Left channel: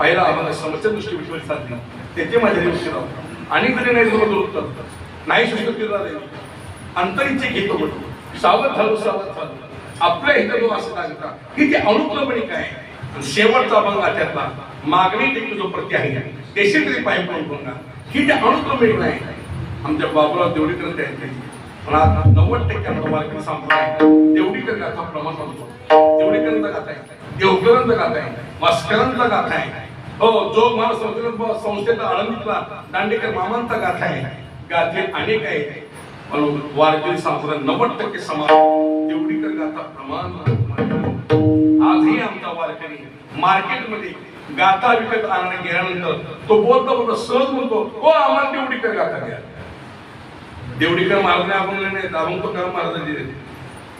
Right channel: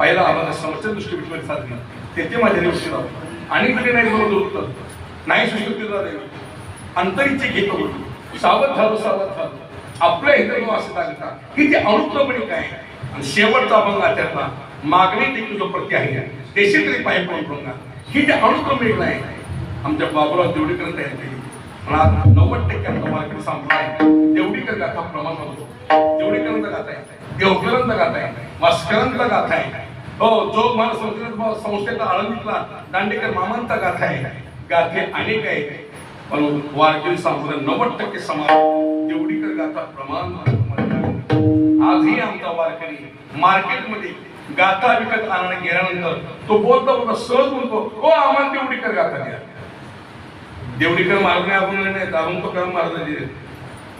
पहिला आम्हाला समस्या दृष्टी विश्वास साधली त्याचे माझे दृष्टी आणि तरी नाही बरोबर नाही सुशिक्षितला जाईल अंतरीचे घेतो सावध झालो आपल्या इथं असं सांगता की ते अनुक्रमणिक आहे आणि शेवटचा अभंग त्यातला मागणी देखील जो प्रती आहे देशी तरी पाय पडून ही जे अनुक्रमणिक नाही आमच्या बाबूराव देवडीकर त्यांनी पण आज 90% आमचा वारकरी संप्रदाय देवडीकर गाथा प्रमाण होतो देवडीकरांचा गाथा आहे देवकरांचा गाथा आहे मस्करांचा गाथा आहे हो जो मला संस्थेचा आळंदीतला दांडेकर मामांचा गाथा आहे गाथे अनेक आहेत पण वारकरी संप्रदाय 90% समाज देवडीकर गाथा प्रमाण आजही आमचा वारकरी मार्केटमध्ये गाथा विकत आणणे गेल्यानंतर तो बोलता सहज म्हणतो हो आम्हाला देवडीकर गाथा घ्या देवडीकर मार्ग आपण नाही आपण तो क्रम मार्ग दिले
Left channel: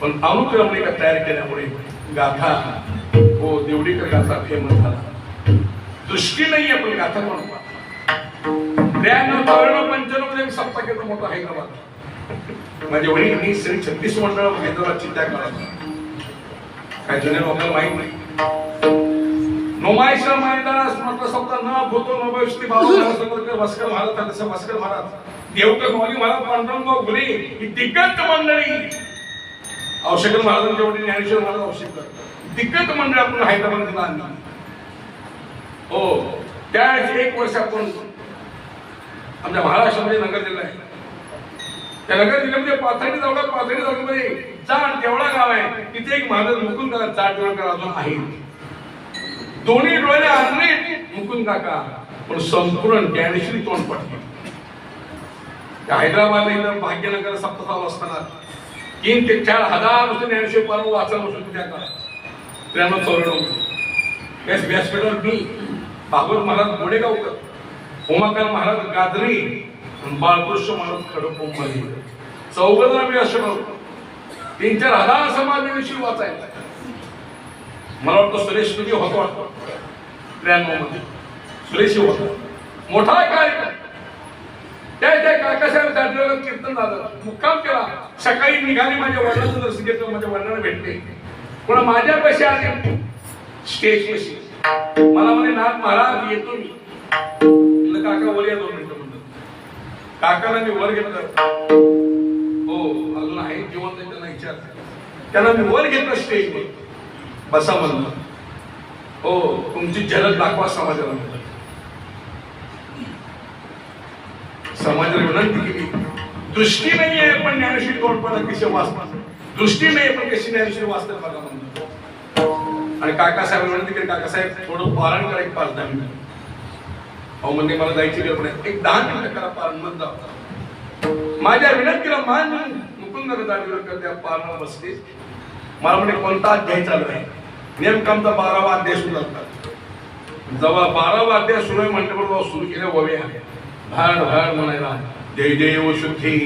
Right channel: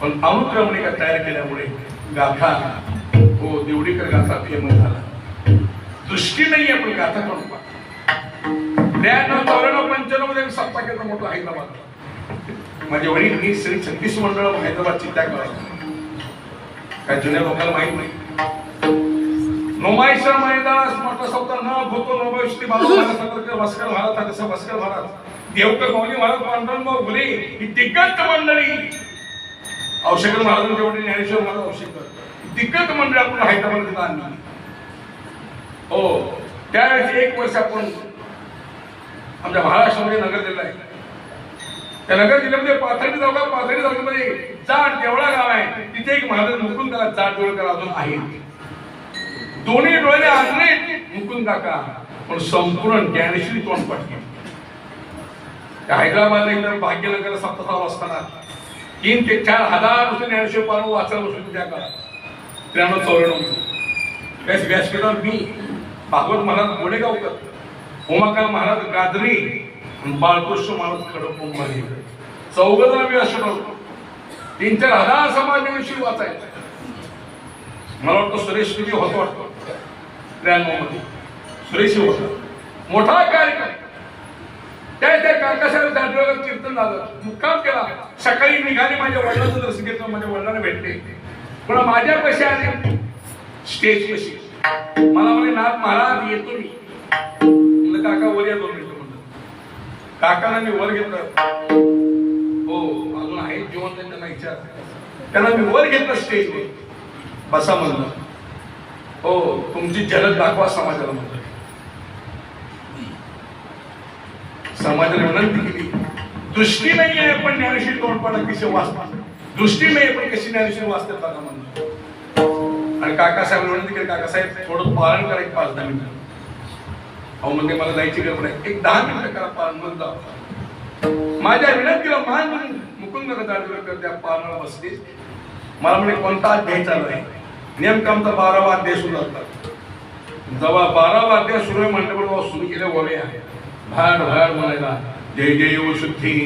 पण अनुक्रमणिका तयार केल्यामुळे गाथा हो देवडीकर गाथा फेमस झाला दृष्टी नाही आपण गाथा करून 95 सप्ताहाचा मोठा हैदराबाद माझे वडील मी श्री 36 मंडळ हैदराबादची त्या काळात काही जुन्या लोकांना माहित नाही नुमाईशा मैदान म्हटलं शब्द न भूतो नभविष्यती बाबा भास्कर महाराज तसं भास्कर महाराज देवकर मौली महाराज पांडुरंगराव घुले ही दिग्गज मंडळी औषधकर महाराजांचे वडील ज्ञानेश्वर महाराज औषधकर दिग्गज मंडळ आपण हैदराबादला आणली हो त्यावेळेस 1 वर्ष आपण आमच्या महाराष्ट्रामध्ये नगर जिल्हा आहे त्या नगर जिल्ह्यामध्ये पाथर्डी तालुक्यामध्ये जाट देवळा गाव आहे तिथे एक महाराज मुकुंद जाट देवळकर अजून आहे दोन्ही डोळे आणले मुकुंद काका पण संपूर्ण ज्ञानेश्वरी तोंड पडते हैदराबाद भाग्यनगर सप्ताह असताना 3 ते 4 हजार नुसते ज्ञानेश्वर पारण वाचन होतो त्या काळात 93-94 व्यासपीठावर मी भागवत महाराज गोडेगावकर उमाकांत महाराज गाजरी आणि बाळकृष्ण महाराज खडकंबरली 14 व्यासपीठावर 3-4 हजार समाज ज्ञानेश्वरी वाचायचा मला वाटतं सुरेश तुझी होतो वाटतो मध्ये सुरेश होता मोठा कार्यक्रम त्या काकासाहेब जाधवेला कीर्तन झालं मुक्काम केला सकाळी निघाले माझ्या वडिलांचं दर्शन घेतलं माझ्या वडिलांना भेटले पण माझ्या पैसे आले स्टेज पैसे मला म्हणे नाथ महाराज येतो मी काका वर या 2 मिनिटं म्हणलं काकांना मी वर घेतलं हो अजून आहे जीवन त्यांना विचार त्यांना मी वर घेतलं स्टेजवर बसा म्हणलं हो तुमची झलक दाखवा समाजाला म्हणलं समाजाला विनंती केली दृष्टी नाही आहे पण ज्ञानेश्वरी तोंडपाठ अतिशय वाचतात दृष्टी नाही पण कशी ज्ञानेश्वरी वाचतात बघा म्हणलं आणि काकासाहेब विनंती केली काकासाहेब थोडं पारण करा 5-10 मिनिटं अहो म्हणजे मला जायची गडबड आहे 10 मिनिटं करा पारण म्हणता माझ्या विनंतीला मान मुकुंद जाडवेकर त्या पारणाला बसले मला म्हणजे कोणता अध्याय चालू आहे नेमकं आमचा 12वा अध्याय सुरू असतात जेव्हा 12वा अध्याय सुरू आहे म्हटल्याबरोबर सुरू केल्या वव्या भाड भाड म्हणायला जय देव शुद्धी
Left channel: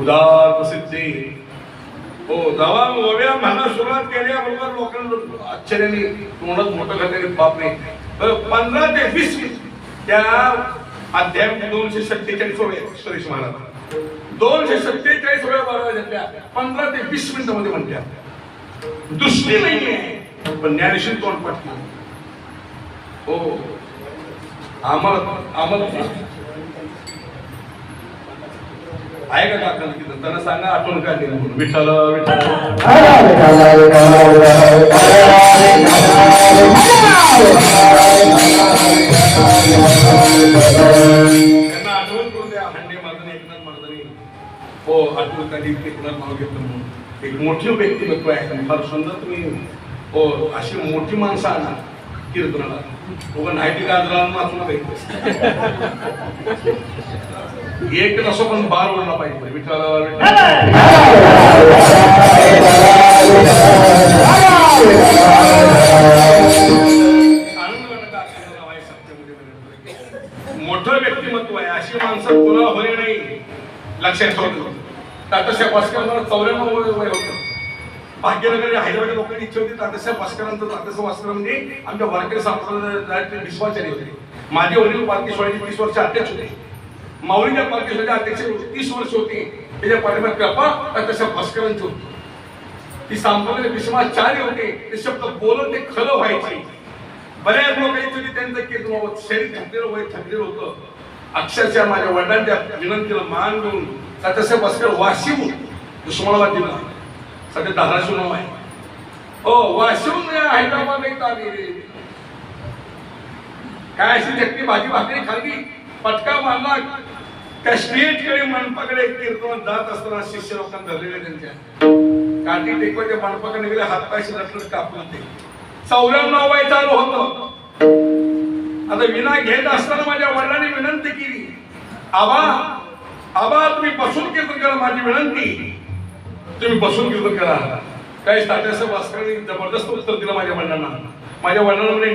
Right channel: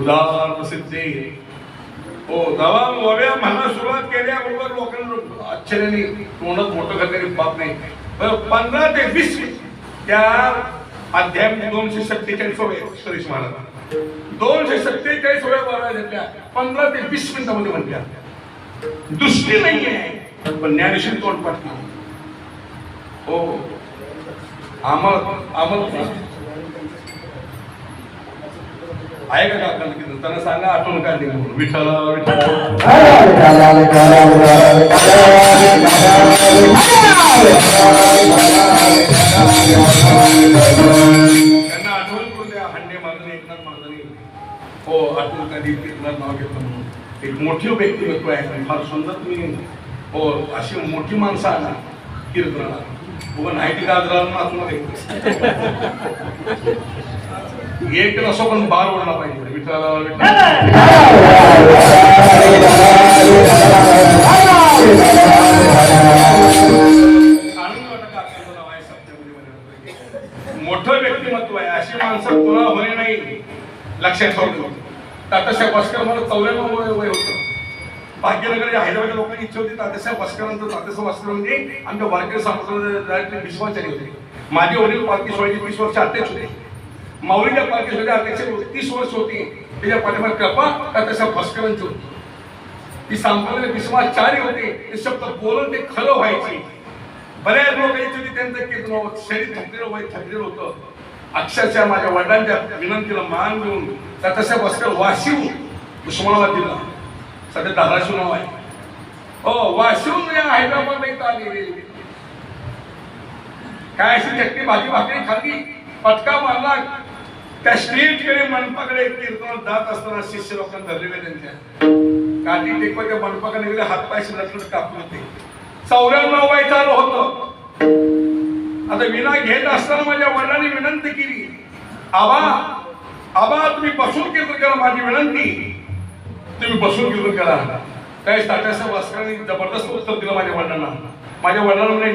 उदार प्रसिद्धी हो जेव्हा वव्या म्हणा सुरुवात केल्याबरोबर लोकांना आश्चर्याने तोंडात मोठं घातलेली बाप नाही बरं 15 ते 20 त्या अध्यायामध्ये 247 वव्या सुरेश महाराज 247 वव्या बारा घेतल्या 15 ते 20 मिनिटांमध्ये म्हणत्या दृष्टी नाही आहे पण ज्ञानेश्वरी तोंड पाठली हो आम्हाला आहे का काका त्यांना सांगा आठवण काढली म्हणून विठ्ठल त्यांना आठवण करून द्या हंडे महाराजांनी एकनाथ महाराजांनी हो आठवण काढली तुला नाव घेतलं म्हणून एक मोठी व्यक्तिमत्व आहे फार सुंदर तुम्ही हो अशी मोठी माणसं आणा कीर्तनाला उगा नाही की गाजराला नाचून एक असो पण बार ओढला पाहिजे विठ्ठल मोठं व्यक्तिमत्व आहे अशी माणसं पुन्हा होणे नाही लक्षात ठेवतो तात्यासाहेब भास्कर मला 94 वय होतं भाग्यनगर हैदराबादच्या लोकांनी इच्छा होती तात्यासाहेब भास्करांचं तात्यासाहेब भास्कर म्हणजे आमच्या वारकरी संप्रदायाचे विश्वासाने होते माझे वडील पालखी सोहळ्याचे 30 वर्ष अध्यक्ष होते माऊलीच्या पालखी सोहळ्याचे अध्यक्ष 30 वर्ष होते त्याच्या पाठीमागे कृपा तात्यासाहेब भास्करांची होती ती संप्रदाय विश्वास 4 होते ते शब्द बोलून ते खरं व्हायचे बऱ्याच लोकांची त्यांचं कीर्तन शरीर थकलेलं वय थकलेलं होतं. अक्षरशः माझ्या वडिलांच्या विनंतीला मान देऊन तसं बसलं वाशिव उस्मानाबाद जिल्हा सध्या धाराशिव नाव आहे. हो वाशिवून हैदराबाद इथं आलेली काय अशी चटणी भाजी भाकरी खाल्ली पटका मारला त्या स्टेजकडे मंडपाकडे कीर्तनात जात असताना शिष्य लोकांना धरलेले त्यांच्या गांधी टेकवच्या मंडपाकडे गेले हातपायशी नसलं टाकून ते 94 वय चालू होतं. आता विना घेत असताना माझ्या वडिलांनी विनंती केली आबा तुम्ही बसून कीर्तन करा माझी विनंती तुम्ही बसून कीर्तन करा. काय तात्यासाहेब वासकरांनी जबरदस्त उत्तर दिलं माझ्या वडिलांना. माझ्या वडिलांना म्हणजे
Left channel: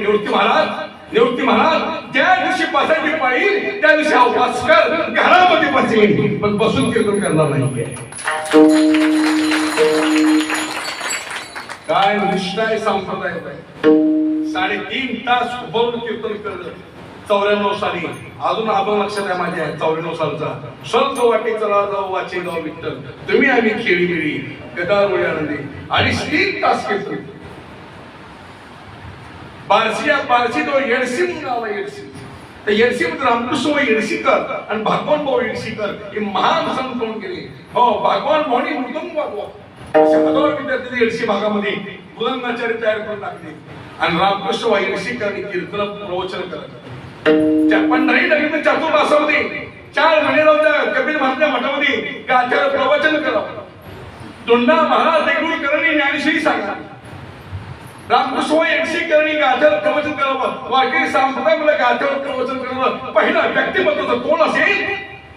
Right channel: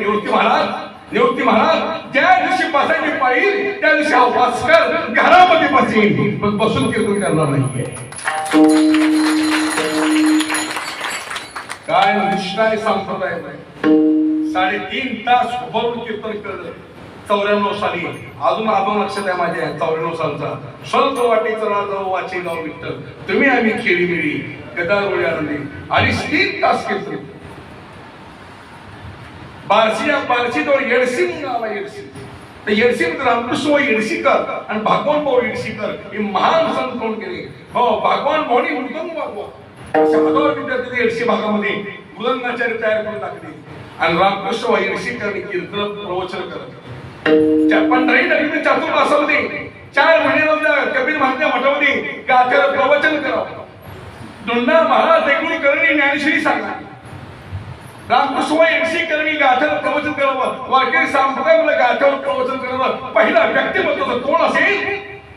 निवृत्ती महाराज ज्या दिवशी बसायची पाळी त्या दिवशी हा वासकर घरामध्ये बसेल पण बसून कीर्तन करणार नाहीये. काय निष्ठाय संप्रदाय 3.5 तास उभारून कीर्तन केलं 94 साली. अजून आपण लक्षात आहे माझ्या 94 सालचा संत वाटेचा राजा वाचे गाव विठ्ठल तुम्ही आम्ही खेळी मिळी गदार आनंदी आणि 3 तास कीर्तन. बार्शी तो येडशी गाव आहे. येडशी रामकृष्ण येडशीकर आणि भगवान भाऊ येडशीकर हे महान संत होऊन गेले. हो भगवान भाऊनी मृदंग वाजवा हजार विद्यार्थी येडशी भागामध्ये मृदंगाचार्य तयार करून टाकले आणि रामकृष्ण भाऊ येडशीकर कीर्तन प्रवचन करत पंढरी नदीमध्ये चातुर्मासामध्ये 4 महिने जाऊन कबीर महात्म्या मठामध्ये गाथ्यावर प्रवचन करावं. दोंडा महाराज देगुळकरांनी ज्ञानेश्वरी सांगा रामकृष्ण येडशीकरांनी गाथ्यावर प्रवचन करावं. वारकरी संप्रदायामध्ये गाथ्यावर प्रवचन करावं. पहिला व्यक्तिमत्व कोण असेल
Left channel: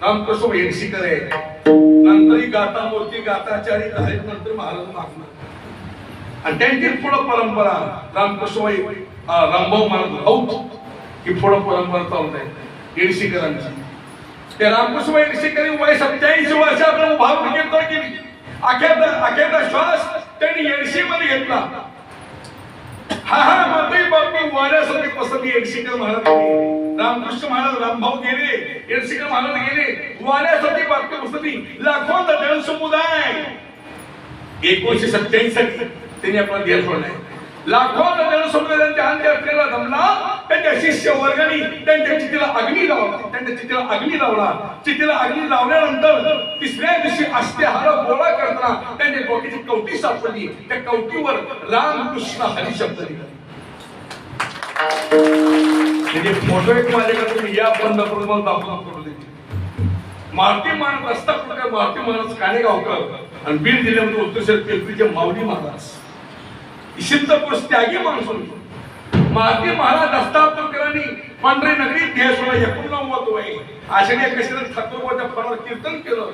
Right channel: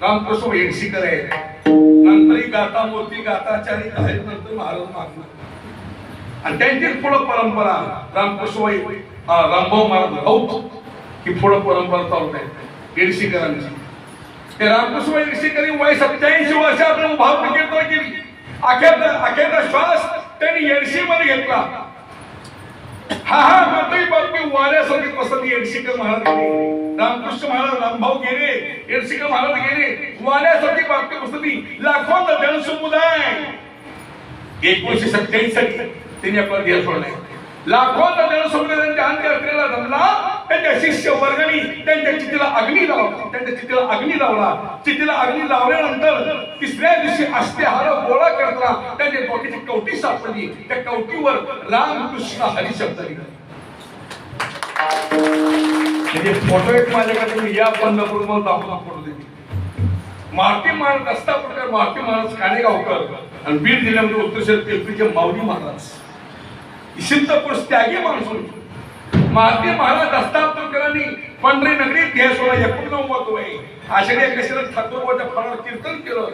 रामकृष्ण येडशीकर आहे. नंतर गाथा मूर्ती गाथाचार्य आहेत नंतर महाराज मागणार आणि त्यांची पुढं परंपरा रामकृष्ण रामभाऊ महाराज ही पुढं परंपरा चालत आहे येडशीकरांची. ते रामकृष्ण येडशीकर वय 87 वर्षापर्यंत भाव कीर्तन केली. अखेरचा श्वास त्यांनी येडशीमध्ये घेतला. हा मतही बातमी वाऱ्यासाठी पसरली. येडशीकर महाराज गेले रामकृष्ण महाराज रामभाऊ गेले येडशीकर महाराज गेले वाऱ्यासाठी बातमी पसरली. लाखोंचा जनसमुदाय 1987 साठी त्यांनी आपला देह सोडलाय. लाखोंचा जनसमुदायांच्या अंत्य असलेला जमला. त्यांच्या शिष्य वर्गाने त्यांच्या चितीला अग्नी लावला. चितीला अग्नी लावल्यानंतर 3ऱ्या दिवशी अस्थिहार गोळा करताना त्यांच्या डोक्याची कवटी सापडली. त्या कवटीवर रामकृष्ण हरी शब्द लिहिला. म्हणजे फोटो एक माझ्याकडे तुम्ही या बंद करून दाखवून फोटो देते. मारुती महाराज रस्ता प्रकार मारुती महाराज काणेगावकर आणि बीड जिल्ह्यामध्ये उत्तर केळकीचे माऊली महाराज सिद्धपुरुष त्यागी माणूस होते. मारुती महाराज दस्तावकरांनी पंढरी नगरी देह सोडा 89 वय आषाढी एकादशीला ठाकूरबाच्या फळावर कीर्तन केलं.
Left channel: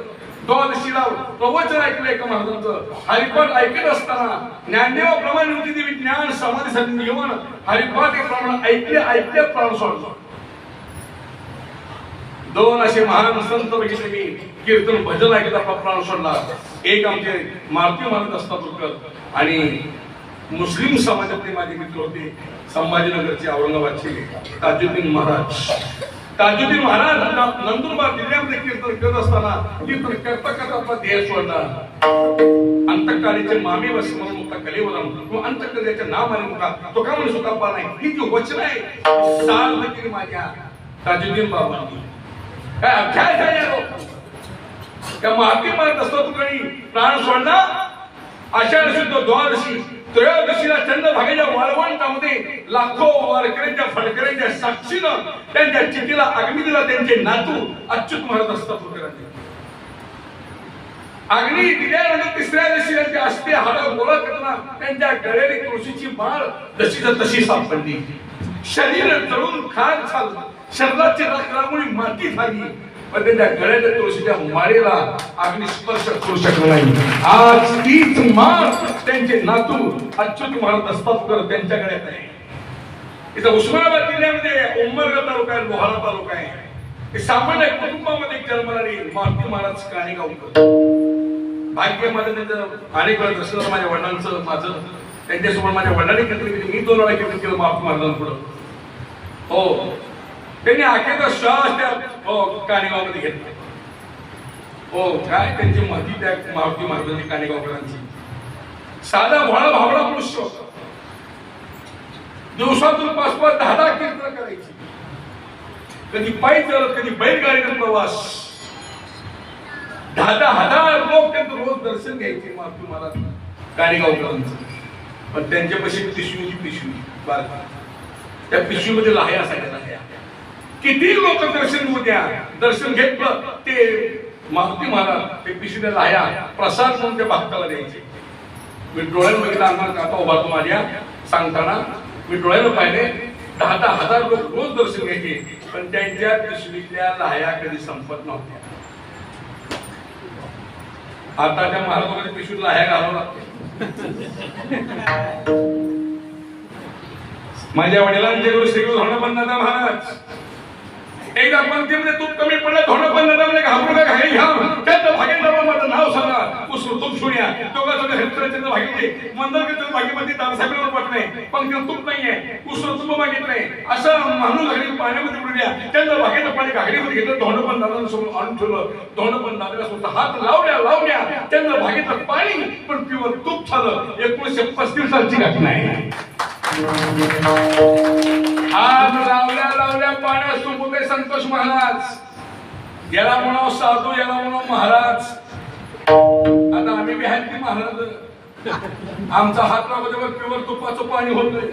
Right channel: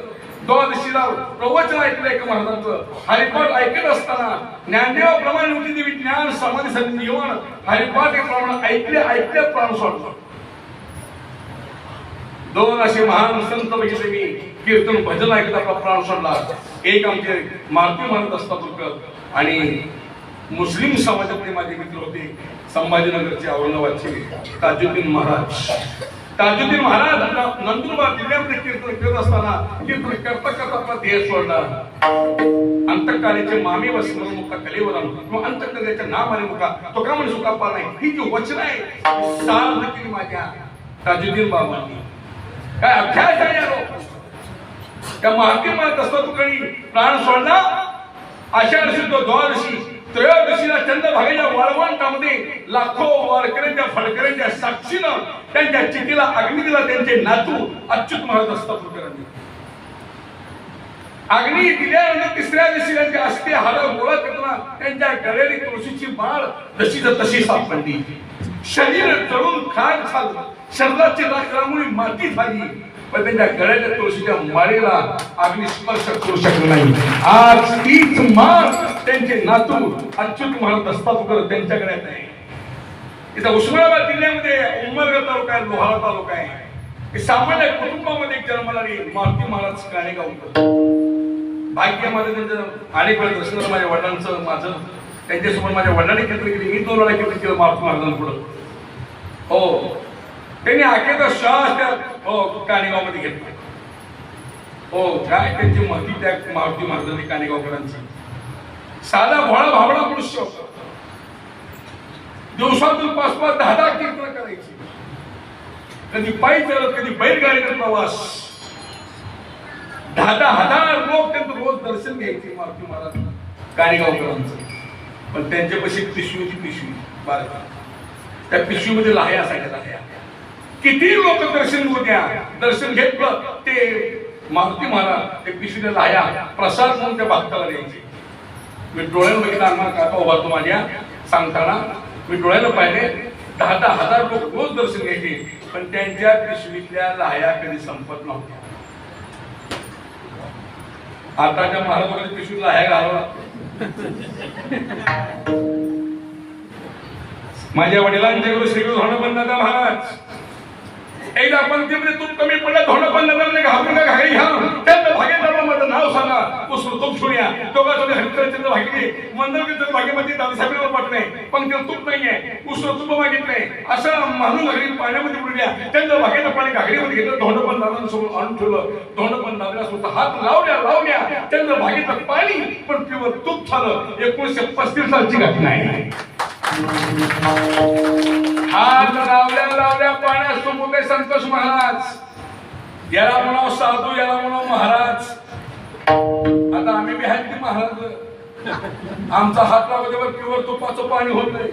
द्वादशीला प्रवचन ऐकलं एका महाराजांचं. हरिपाठ ऐकत असताना ज्ञानदेवाप्रमाणे होती देवी ज्ञान समाधी साठी येऊन हरिपाठ ऐकले प्राण सोडला. 2 असे महान संत बघितले मी कीर्तन भजन ऐकत आपला प्राण सोडला. एक आमचे मारुती महाराज दस्तावकर आणि मुस्लिम समाजातले माझे मित्र होते संभाजीनगरचे औरंगाबादचे ताजुद्दीन महाराज नंदुरबार जिल्ह्यामध्ये कीर्तन करत असताना कीर्तन करता आपला देह सोडला. अंतकाळीचे मामी वस म्हणून मुका कलेवर किंवा अंतकाळीचे नाम आले मुका तो का म्हणून सुद्धा पार नाही. ही जी वचन आहे सार देखील माझ्या ताजुद्दीन बाबांनी काय अभ्यास आहे त्या महात्मा महाराज दस्तावकरांनी प्राण सोडला. आषाढ शुद्ध द्वादशी त्रयोदशीला चंद्रभागेच्या वाळवंटामध्ये लाखो वारकऱ्यांच्या फडकऱ्यांच्या साक्षीनं त्यांच्या चितीला अग्नी दिला. त्यांचे नातू अच्युत महाराज दस्तावकरांनी अग्नी दिल्यानंतर 3ऱ्या दिवशी त्यांच्या अस्थिहार गोळा करताना त्यांच्या गळ्याने तुळशीची माळ जशीच्या तशी सापडली. शरीर जळून खाक झालं. शरीराची राखरामुळी माती झाली पण त्यांच्या गळ्याच्या तुळशीच्या माळेला अग्नी स्पर्श करू शकला नाही. आज तीच माळ त्यांचे नातू अच्युत महाराज दस्तावकर त्यांच्या गळ्यात आहे. इथं उस्मानाबाद जिल्ह्यामध्ये उंबरगा तालुका आहे लोहारा तालुका आहे. सामान्य कुटुंबामध्ये जन्मणारी मारुती महाराज काणेगावकर भाग्य माझं त्यांचं अनेक वेळा दर्शन माझ्या वडिलांचं माझं त्यांच्यासमोर माझ्या वडिलांनी कीर्तन केली. मी 2 वेळा कीर्तन केलं मारुती महाराजांपुढं. हो त्यांनी अखेरचा श्वास त्या काणेगावमध्ये घेतला. हो काय त्यांची महती त्या मारुती महाराजांनी काणेगावकरांची. साधा भोळा भावडा पुरुष दिवसातून 5-5, 10-10 कीर्तन करायची. कधी पायी चालत, कधी बैलगाडीचा प्रवास. 10,000 लोक त्यांचं रोज दर्शन घ्यायचे मारुती महाराज काणेगावकरांचं. पण त्यांच्यापाशी पिशवी बारका, त्या पिशवीमध्ये लाह्या असायच्या. लाह्या किती लोक दर्शन घेऊ द्या, दर्शन घेतलं ते मारुती महाराज ते पिशवीला लाह्या प्रसाद म्हणून त्या भक्ताला द्यायचे. मी डोळ्यानं बघितलं, अंगावर काटा उभारतो माझ्या सांगताना. मी डोळ्यानं पाहिले 10,000 लोक रोज दर्शन घ्यायचे, पण त्यांच्या पिशवीतल्या लाह्या कधी संपत नव्हत्या. आता त्या महाराजांच्या पिशवीत लाह्या घालावं लागते. माझ्या वडिलांचे गुरु श्री धोंडोपंत महाराज एकदा पंक्तीमध्ये तूप कमी पडलं, धोंडोपंत घालू नका हे घ्या. त्यात भाग्येचं नाव सांगा, उसरू तूप सुण्या दोघांचं हरिचंद्र भाग्य मंदर भाग्यमध्ये दादासाहेबांवर पट नाही, पंक्तीला तूप नाहीये, उसरू तूप मागितलंय असं म्हणून घागरी पाण्यामध्ये बुडल्या. त्यांचं भाग्याचं पाणी घागरीमध्ये घेतलं, धोंडोपंत दादांसोबत आणून ठेवलं. धोंडोपंत दादासोबत हात लावल्या त्यांचं भाग्याचं पाणी पण पिवळ तूप झालं. 1935 सालची घटना आहे. हात लावल्या पाण्यात सुंबुते संतोष महाराज. याला म्हणाव साधू, याला म्हणाव महाराज. आता आम्ही बी आहेत की महाराज, आमचा हात लावल्यावर प्युअर तुपाचं पाणी होत नाही.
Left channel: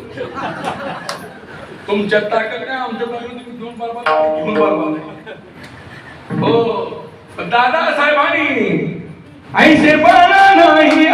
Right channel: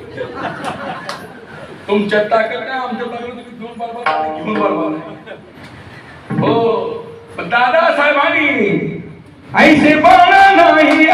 तुमच्या ताकद नाही, आमच्या ताकद तुम्ही घेऊन बारबार हो. पण दादा साहेबांनी ऐसे बळा नाही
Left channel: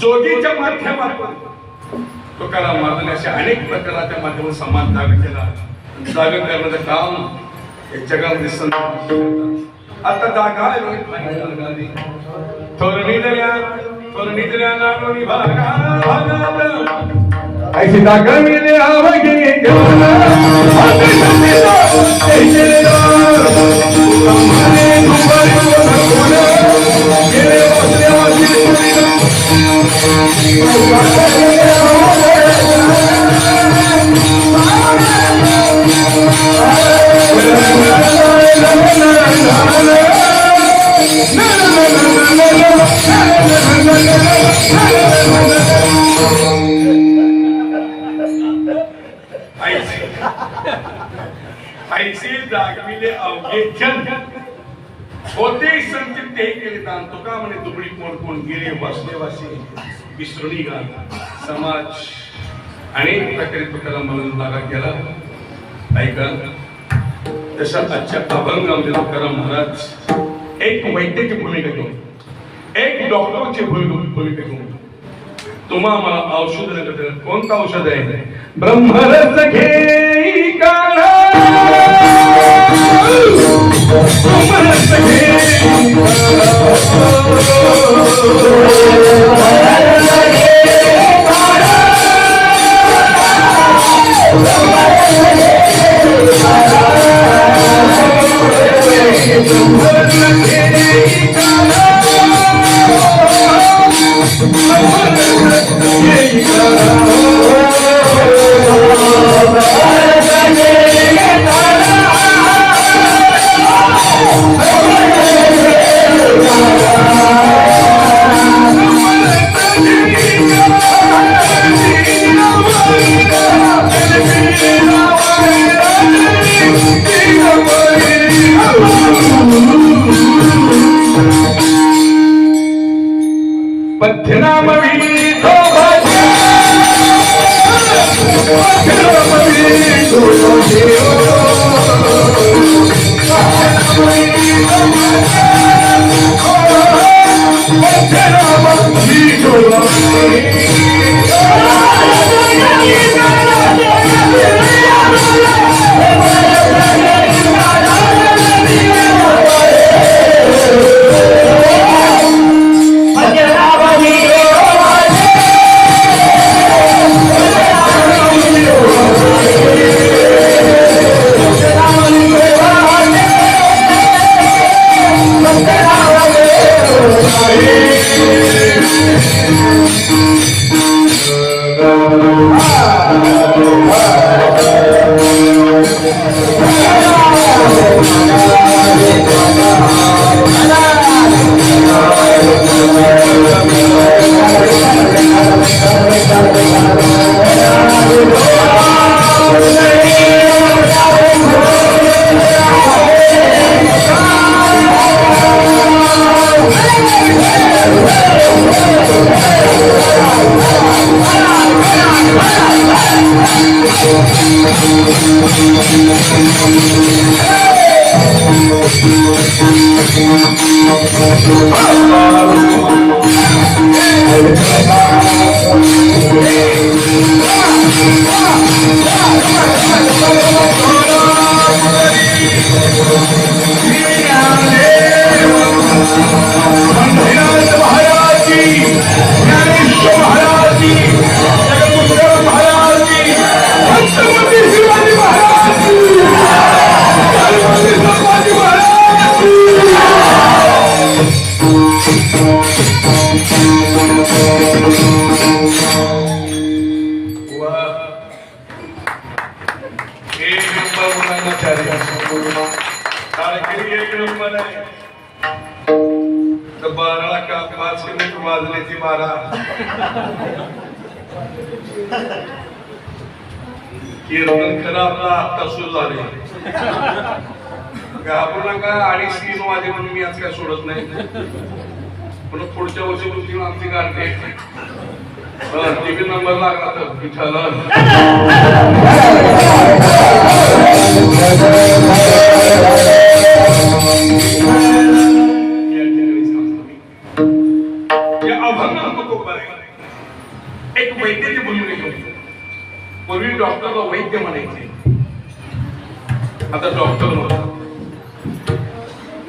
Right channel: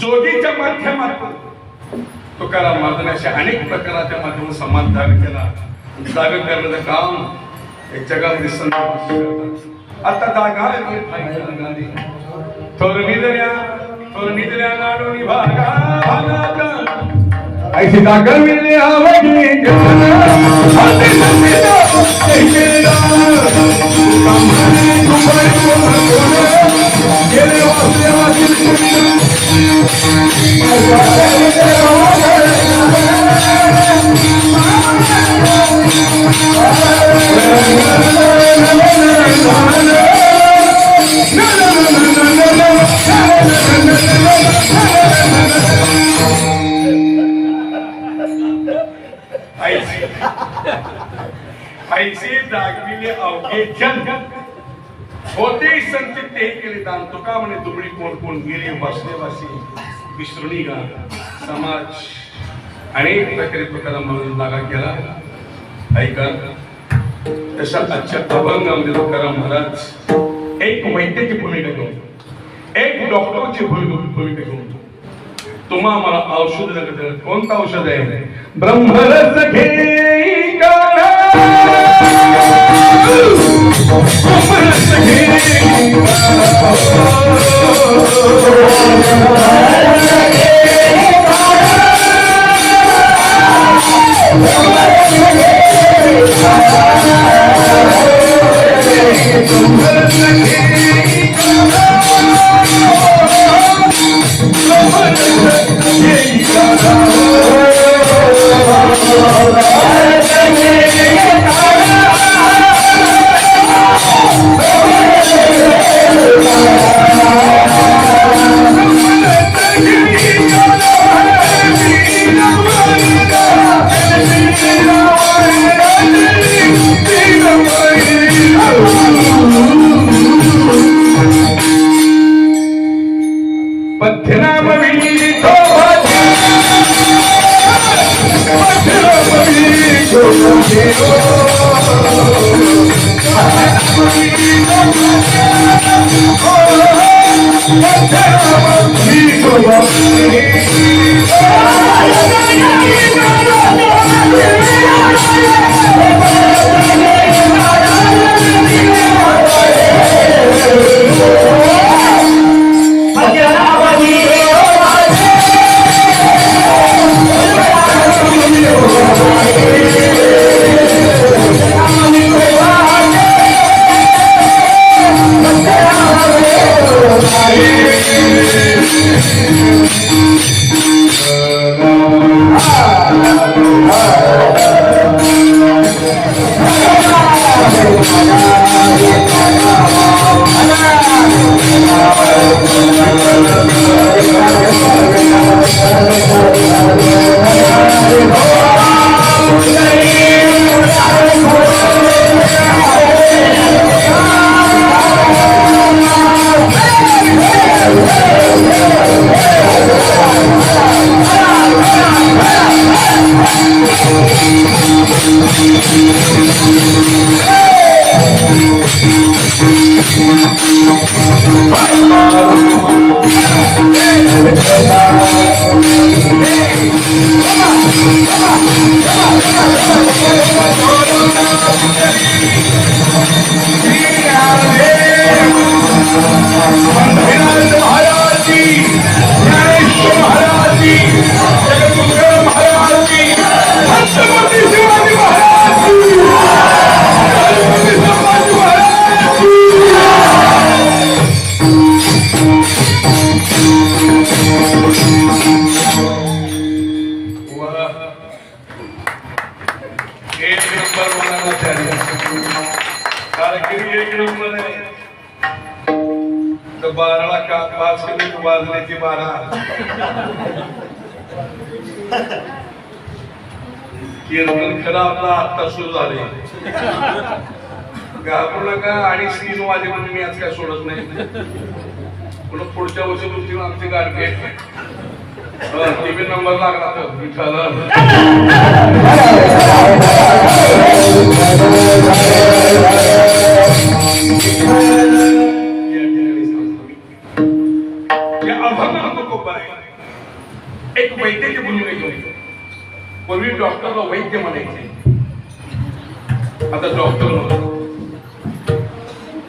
जोगीच्या माध्यमातून तुकाराम महाराजांनी अशा अनेक प्रकाराच्या माध्यमातून समाज जाग केला. जाग करण्याचं काम या जगामध्ये संत आता जागा थोरनिदल्या नाडोनी भागा ऐसी जागा मिळणे आवडी ऐसे जागविले अवघे जन होते संचित ते केले दान. तुका म्हणे दुबळी कोण कोण गेले वासले वासे विसरुणी गा. समाज अनेक प्रकारे तुकाराम म्हणून लागा केला. ऐका तशा आजच्या अभंगामध्ये तुकाराम महाराज एक वैद्याची भूमिका घेऊन, एक डॉक्टरची भूमिका घेऊन तुम्हा मला औषध नका. कोणतं औषध आहे? ब्रह्मरस घेई काढा ब्रह्मरस घेई बारा का 5 मिनिट वाजण्याची 12 कीर्तन खरं आपला आता सुरू झाले. घाबरू नका. आणि 3 वाजेपर्यंत मी आज काय सोडत नाही. पुन्हा पुढच्या वर्षी आमची गाडी टीव्ही नंबर लागला तर विठ्ठल एक वैद्यकीय बोलून पूर्वी डॉक्टरला वैद्य म्हणायचे, आता डॉक्टर नव्हतं.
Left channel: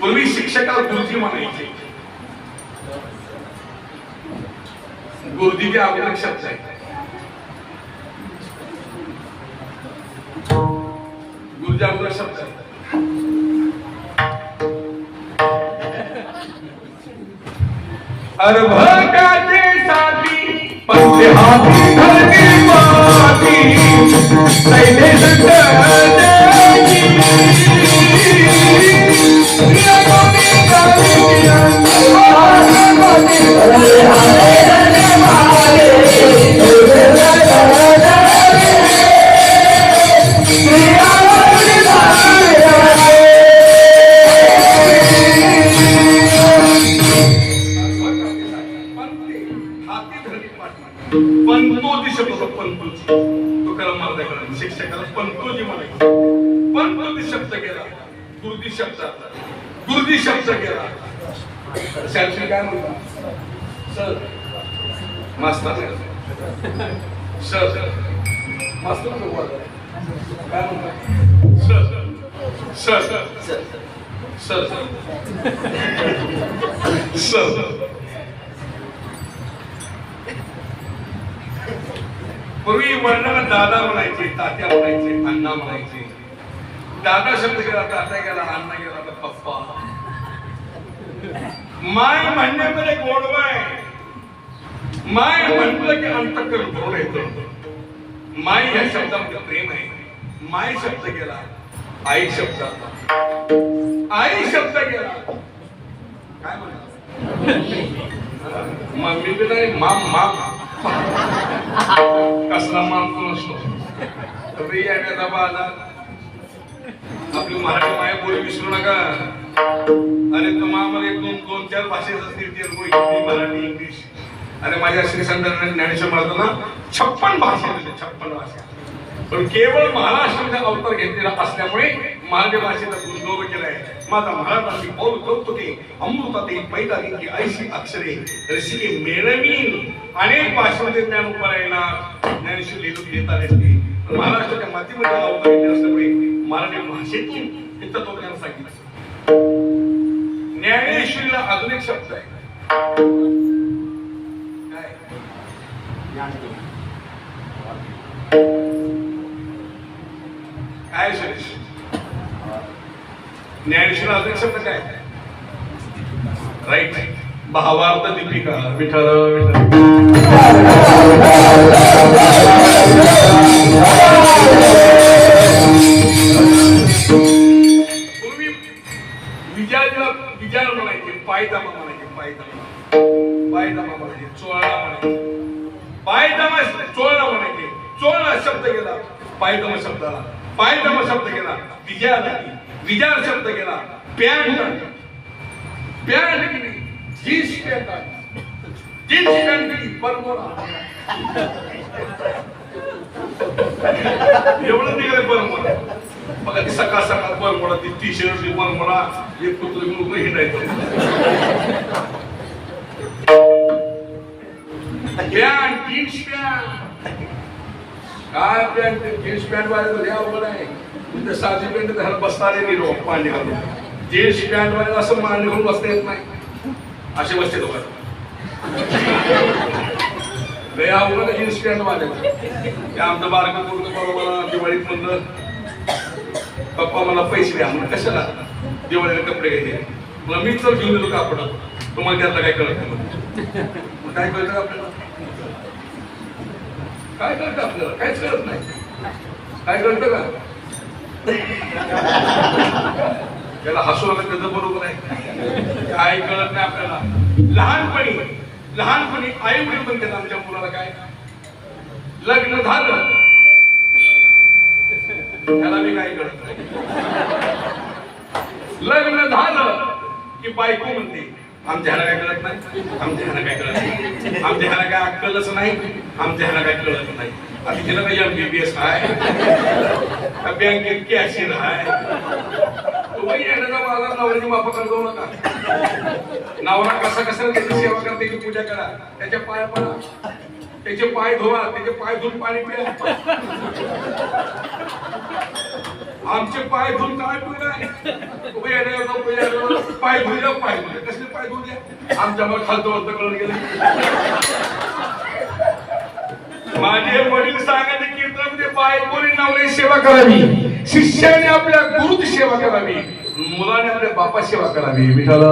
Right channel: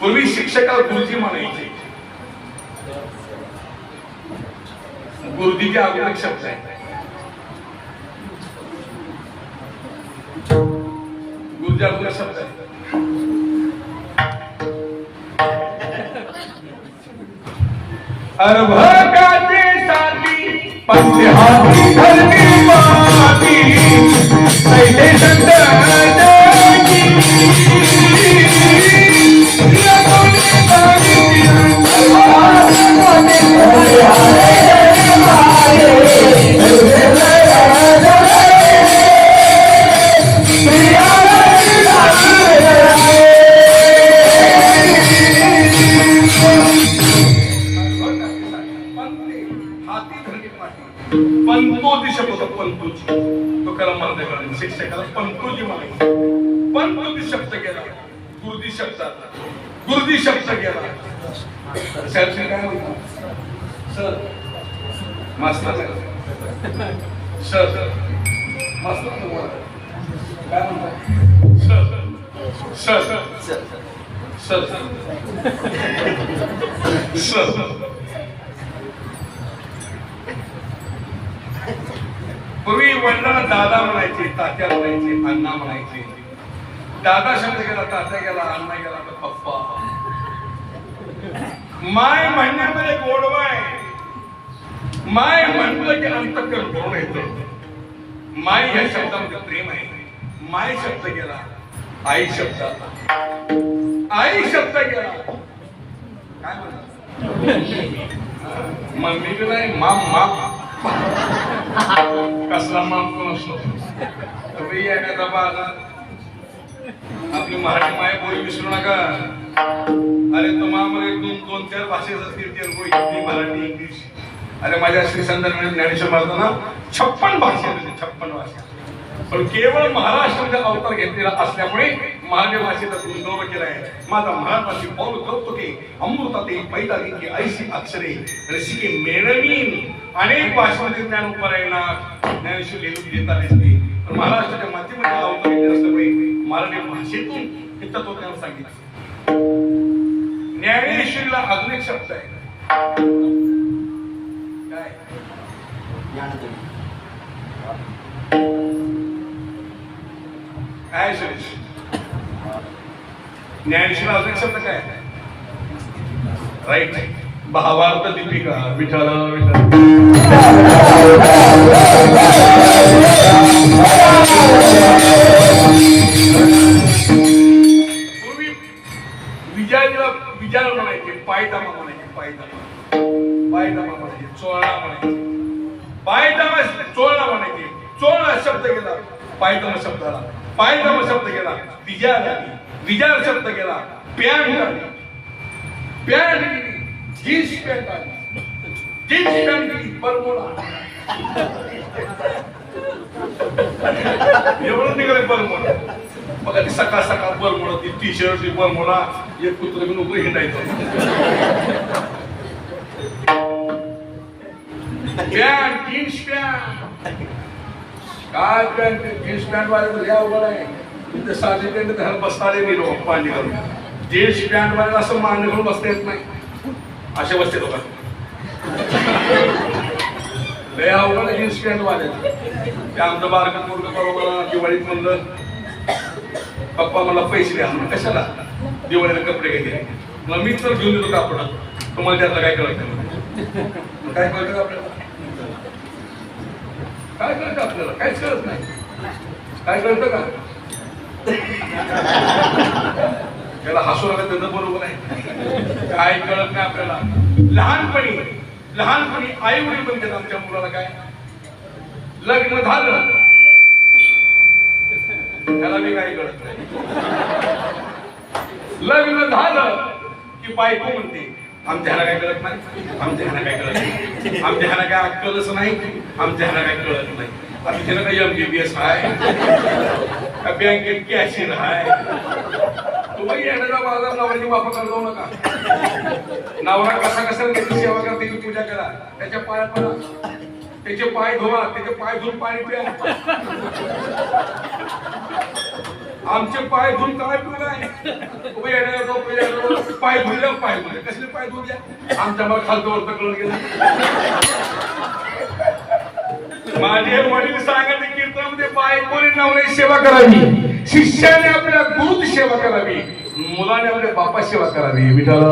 पूर्वी शिक्षकाला गुरुजी म्हणायचे. गुरुजीचे अगोदर शब्द आहे. गुरुजी अगोदर शब्द आहे. अरभकाचे साथी पंचे हाती भरती माती कैले शंकराची शिक्षकाला पंतोजी म्हणायचे. पंतोजी शब्द गेला. गुरुजी शब्द गेला. शाळेत काय म्हणतात? सर मास्तर सर मास्तर काय म्हणतात? Sir sir sir sir sir पूर्वी वडिलांना दादा म्हणायचे, तात्या म्हणायचे, अण्णा म्हणायचे. दादा शब्द गेला, तात्या गेला, अण्णा गेला, तर पप्पा. माय म्हणण्यामध्ये गोडवा आहे. माय म्हटलं की अंतःकरण भरून येतं. माय या शब्दामध्ये प्रेम आहे. माय शब्द गेला, आई शब्द आई शब्द गेला. काय म्हणा मम्मी बी नाही, माम माम कसला मानतो नसतो. तुम्ही एखादा आला आपली मराठी माय बोली विसरू नका. अरे तुम्हाला 2-4 भाषेत असतील, तेलगू, हिंदी, मराठी, इंग्लिश. अरे माझ्या श्री संत ज्ञानेश्वर महाराजांना 56 भाषा होते. 56 भाषा. पण केवळ महाराष्ट्राचा अवतार घेतलेला असल्यामुळे मराठी भाषेचा गुणगौरव केला आहे. माझा महाराष्ट्राची बोल कौतुके अमृताते पैदाली की ऐशी अक्षरे रसिके मेळवीन. अनेक भाषेमध्ये ज्ञान उपारायला ज्ञानेश्वर लिहून देतात असते. पण महाराष्ट्राच्या मातीमध्ये अवतार घेतला असल्यामुळे मराठी भाषेतून हे तत्वज्ञान सांगितलं. ज्ञानेश्वरीला अजून एक शब्द आहे. काय ज्ञानेश्वर अजून शब्द काय? राईट. भावार्थ दीपिका. विठ्ठल पूर्वी विचार म्हणायचे, पायदामा म्हणायचे, पायदामा म्हणायचे, चोळा म्हणायचे, पायदामा चोळा म्हणायचे. चोळा शब्द गेला पायदामा शब्दाला. पायदामा शब्द गेला विजार शब्द गेला. पॅन्ट गेली, जीन्स पॅन्ट आली, जीन्स पॅन्ट गेली, बरमोडा. एवढं निघाले बरमोडा. बघा ती सकाळ सकाळ बरमोडा, ती टी शर्ट, ती बरमोडा, एक कुत्र घेऊन उभं हिंडायचं. पॅन्ट, जीन्स पॅन्ट, काय पॅन्ट, जीन्स पॅन्ट वाले अवघड आहे. तिथे साधी पॅन्ट घरात बसणारे नाही लोक मांडी घालून. जीन्स पॅन्ट वाले असं मांडी घालून बसता येत नाही, असे बसते लोक. लय अवघड जीन्स पॅन्ट वाले. ते आमचं बारकं पोरगं बरोबर दिवाळीत म्हणलं, पप्पा मला पैसे द्या. म्हणून कशाला? दिवाळीला कपडे घ्यायचे. मग मी तर घेऊन दिलो कापड. तुम्हाला त्यातलं काय कळत नाही. काय कळतं आपल्याला? काय कळतं आपल्याला? काहीच कळत नाही. काय कळतं का? त्याला हसू लागलं त्याचं बरोबर आहे. काय कळत नाही आपल्याला. लहानपणी आई वडील म्हणते आमच्या मुलाला काय, लग्न झालं त्याला मी काय कळत नाही. लग्न झालं की बायको म्हणते आमच्या ह्याला काय कळत नाही, आमच्या ह्याला काय कळत नाही, आमच्या ह्याला काय अक्कलच नाही, आमच्या ह्याला काय कळत नाही. आता तिला काही MBBS आहे, बँकेत कॅशियर आहे. तुम्ही येणारा माझा नवऱ्याची वापर करतो नका. नवरा कसा त्याची सेवा करा, त्याची पूजा करा, त्याच्या पाया पडा, त्याचे पाय धुवा, त्याचे पाय धुवून पाणी प्या. आमचे पाय धुवून काय तुम्ही येणार पाय धुल्या कसले पाय धुल्या आमच्या मग खालतो वरतं कळून गेले. माझे वडील सांगायचे कीर्तन ते बायकोने नवऱ्याची सेवा करावी, शिष्याने आपल्या गुरुची सेवा करावी, मुलाने आपल्या बापाची सेवा करावी. विठाला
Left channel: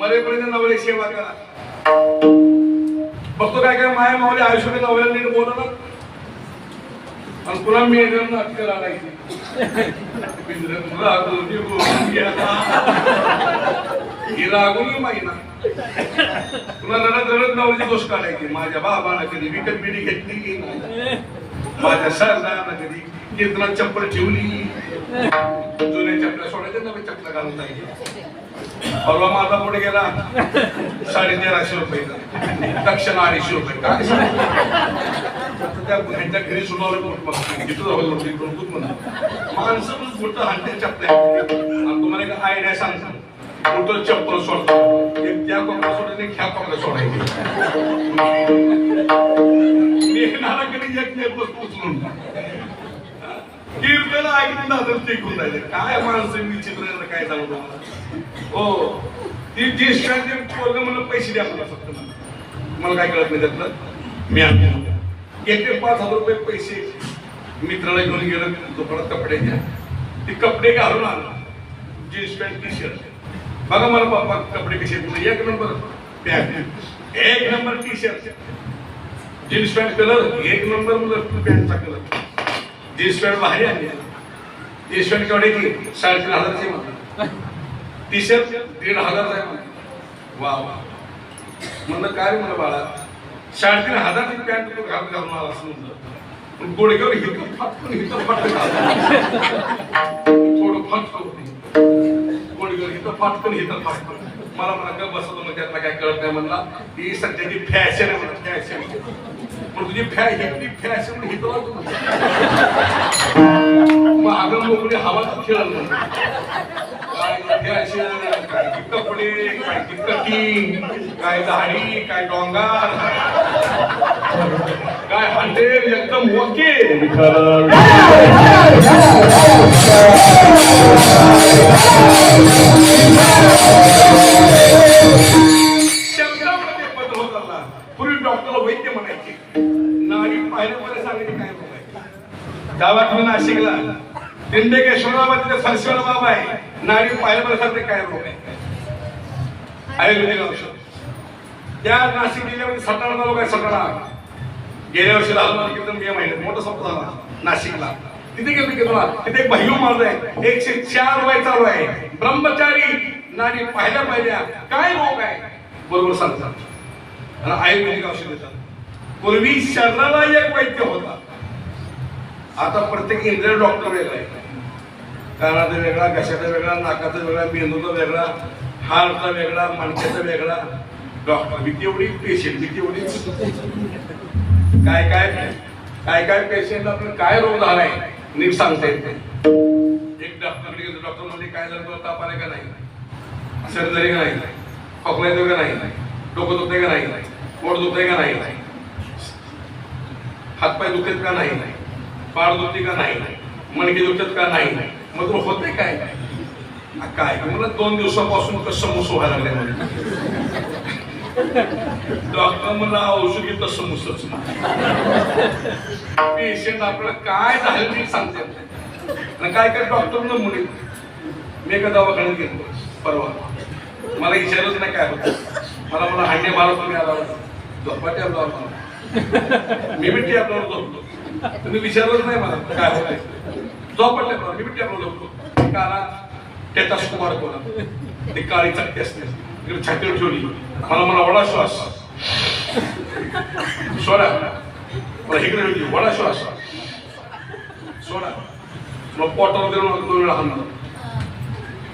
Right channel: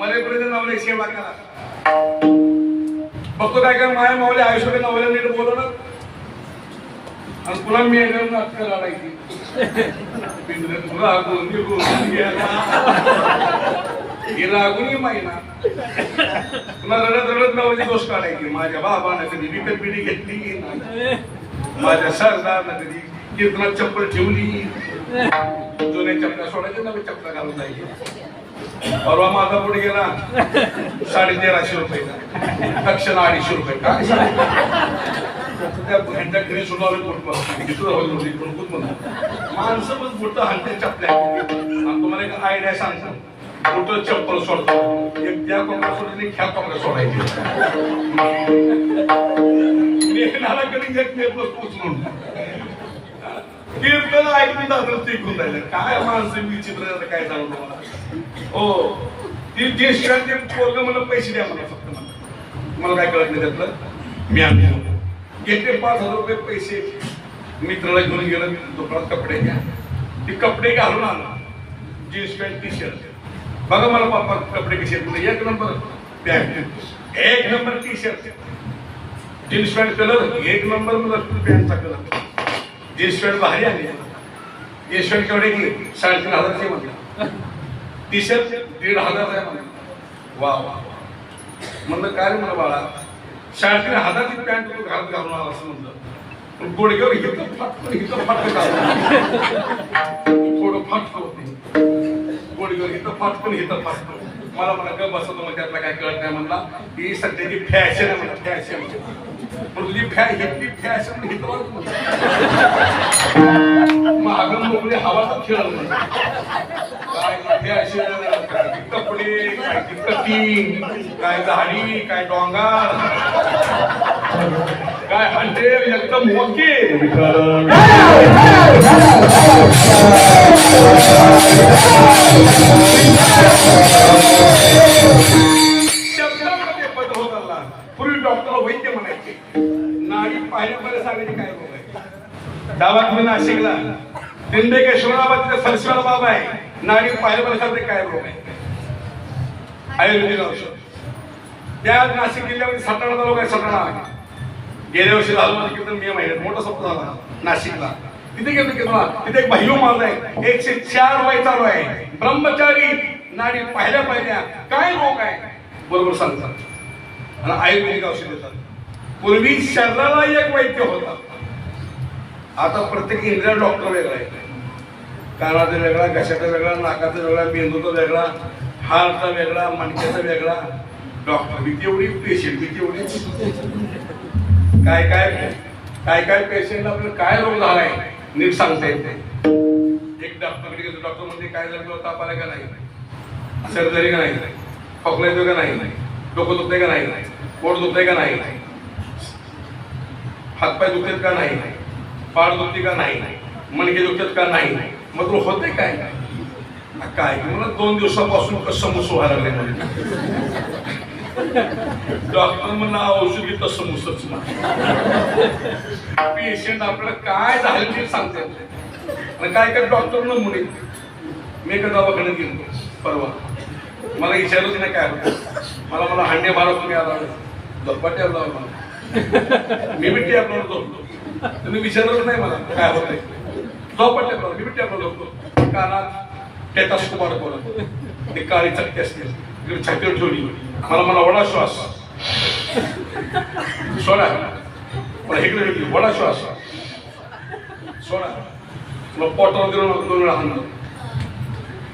मरेपर्यंत नवऱ्याची सेवा करा. बघतो काय काय माया मावले आयुष्यात नवऱ्याला नीट बोलवणार आणि पुन्हा मी नाटक करायची. रागून माहिना तुला रडत रडत नवऱ्याची दोष काढायची. माझ्या बाबानं कधी विकत बिडी घेतली नाही, माझ्या सरदारनं कधी कीर्तनात चप्पल ठेवली. जुन्या चपला सोडायच्या, नवे चपला घालून जायचे. परवा माझा पुढे गेला 1350 रुपये, दक्षिणा 250 रुपये. काय त्या घंटा घरी सुरू माणसं पण मोठं हांटे चपल्या. आणि तुम्हाला एक आयडिया सांगतो, मोठं चप्पल सोडतो, एक त्या कोंबडा सोडायची, एक ह्या कोंबडा सोडायची. लेखनाला कधी एक नेत उचलून कीर्तन ऐकून दाखल टिकून राहिलं. काय माणसं विचित्र, काय सांगू तुम्हाला. हो ती ज्येष्ठांचे पोरग मला पैसे द्या, मला फक्त मला काय कळत नाही त्यातलं. मी आणतो घेतले 5000 रुपये पैसे, मित्राला घेऊन गेलं दुकानात कपडे द्या. ते कपडे घालून आला, जीन्स पॅन्ट टी शर्ट. बघा मला पप्पा कपडे कसे आहेत. 1 number pant, 1 number T shirt, jeans pant colour 1 number, मला पॅन्टचा कलर. जीन्स पॅन्ट भारी आली. Jeans pant केवढ्याची? 3500 म्हटलं. टी शर्ट 1500 आहे म्हणलं. वा वा म्हणलं काय म्हणलं बाळा, 3500ची पॅन्ट घालून आला असं म्हटलं. पण गोडक्यावर हिथं फाटकन थोडं फाटक होते. गोडक्यावर हिथं फाटकन हिथं फाटकन. मला म्हणा बसा तुम्हाला त्यातला काय कळत नाही म्हणला. ही सध्याची फॅशन आहे म्हणा, फॅशन. पण तुझी हिथली फॅशन म्हणजे हिथं मागं मोकळी हवा तर खेळायला काय कपडे, काय कटिंग, काय दाढी, काय डोंगर, काय हंडे, एकदम मोके. शब्दामध्ये बदल होत आला. पूर्वी डॉक्टरला वैद्य म्हणायचे, नाडी पाहिल्यामध्ये सांगायचे काय रोग आहे. गावात मी नाशिकला त्र्यंबकेश्वरामध्ये फरशीवाला बाबा आहे, नाडी पाहिल्यामध्ये सांगते काय रोग आहे. आयुर्वेदिक औषध. त्या नाशिक जिल्ह्यामध्ये सटाणा तालुका आहे. सटाणा गेल्या वर्षी झालं मला कीर्तन मे महिन्यात मोठा सप्ताह झाला नाशिकला. तिथे गेलो कीर्तनाला. तिथे एक भय्यू माणूस आहे, 104 वय चालू आहे, ब्रह्मचारी, नाडी पाहिल्या पाहिल्या, काय रोग आहे बरोबर सांगतात आणि आयुर्वेदिक औषध देतात. पूर्वी शरीराला एक वैद्य होता, आता प्रत्येक इंद्रिया डॉक्टर वेगळा आहे. कानाचा वेगळा, घशाचा वेगळा, नाकाचा वेगळा, मेंदूचा वेगळा, हार्टचा वेगळा, मणक्याचा वेगळा. डॉक्टर भीती एवढी, पेशंट भीती एवढी. काय काय काय काय पेशंट आपलं काय रोग झालाय नीट सांगता येत नाही. एक डॉक्टर म्हणजे काय झालं, ताप आला का नाही, सर्जरी का नाही, खोकला येतो का नाही, डोकं दुखतंय का नाही, पोट दुखतंय का नाही, हातपाय दुखत का नाही, पाड दुखते का नाही, मणके दुखत का नाही, मग तुला होतंय काय काय मला 2 दिवसापासून कसं मुस व्हायला लागले म्हणजे. डॉक्टर मला औषध घेत समजतच पेशंट आपल्याला काय झालं ते सांगतात. आणि काय काय डॉक्टर नमुने. मी एका दवाखान्यात गेलो परवा, मला विचारलंच नाही काय होतं. मला हांडे मारत तुम्ही आला झोपा टॅब लावला, मी बी टॅबला झोपतो. तुम्ही विचारलंच नाही मला काय होतंय. झोपा टॅबला मी बी टॅबला झोपतो. कानात टेटास्कोप अडकवला, ते काळी चटके असते छातीवर ठेवली. मला वडा श्वास सोडा, मला इकडे वेगळी वडा श्वास सोडा. मग पोटावर 2 वेळा हाणलं,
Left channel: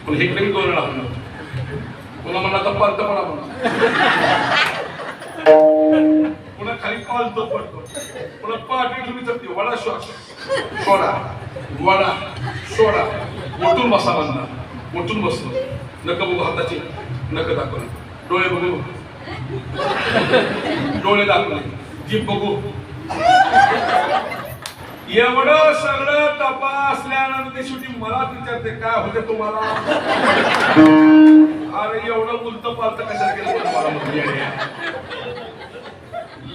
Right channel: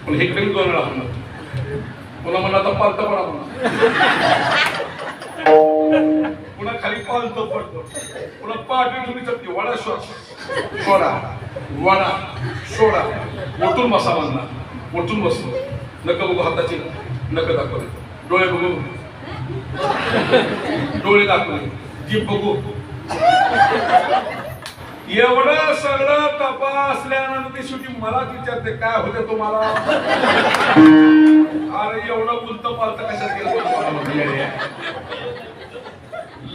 पण इकडे 2 वेळा हाणलं. पुन्हा म्हणला तर पालत पडा म्हणा, पुन्हा खाली पालत पडतो, पुन्हा पाठी ठेवली चटणी वडा श्वास सोडा, वडा सोडा. उठून बसा म्हणला, उठून बसलो. नका बघू हाताची, नका दाखवले, डोळे बघू, डोळे दाखवले, जीभ बघू. एवढं सगळं तपासल्यानंतर शेवटी मला विचारते काय होते तुम्हाला. अरे एवढं उलट पालत कशात केलं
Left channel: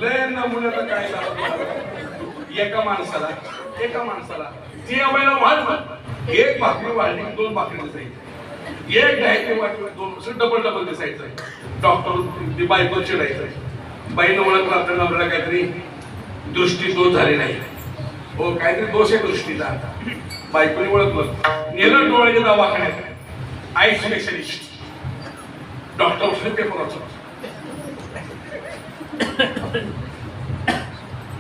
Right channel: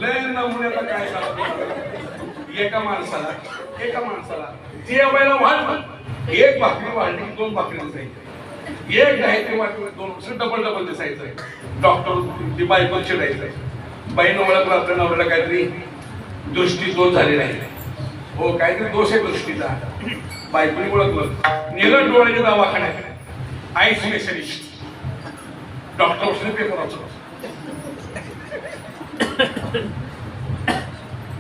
लय नमुन्याला काय झालं. एका माणसाला जेवायला वाढलं, 1 भाकरी वाढली 2 भाकरी दिसायची, 1 घ्यायची वाटली 2 डबल दिसायचं. डॉक्टर ती बायको चिडायचं, बाईनं ओळखलं आपल्या नवऱ्याला काहीतरी दृष्टी दोष झाली नाही, हो काहीतरी दोष आहे दृष्टीचा. बायकोने ओळखलं, नेलं डोळ्याच्या दवाखान्यात. आय स्पेशलिस्ट डॉक्टर बसले पेपराचं,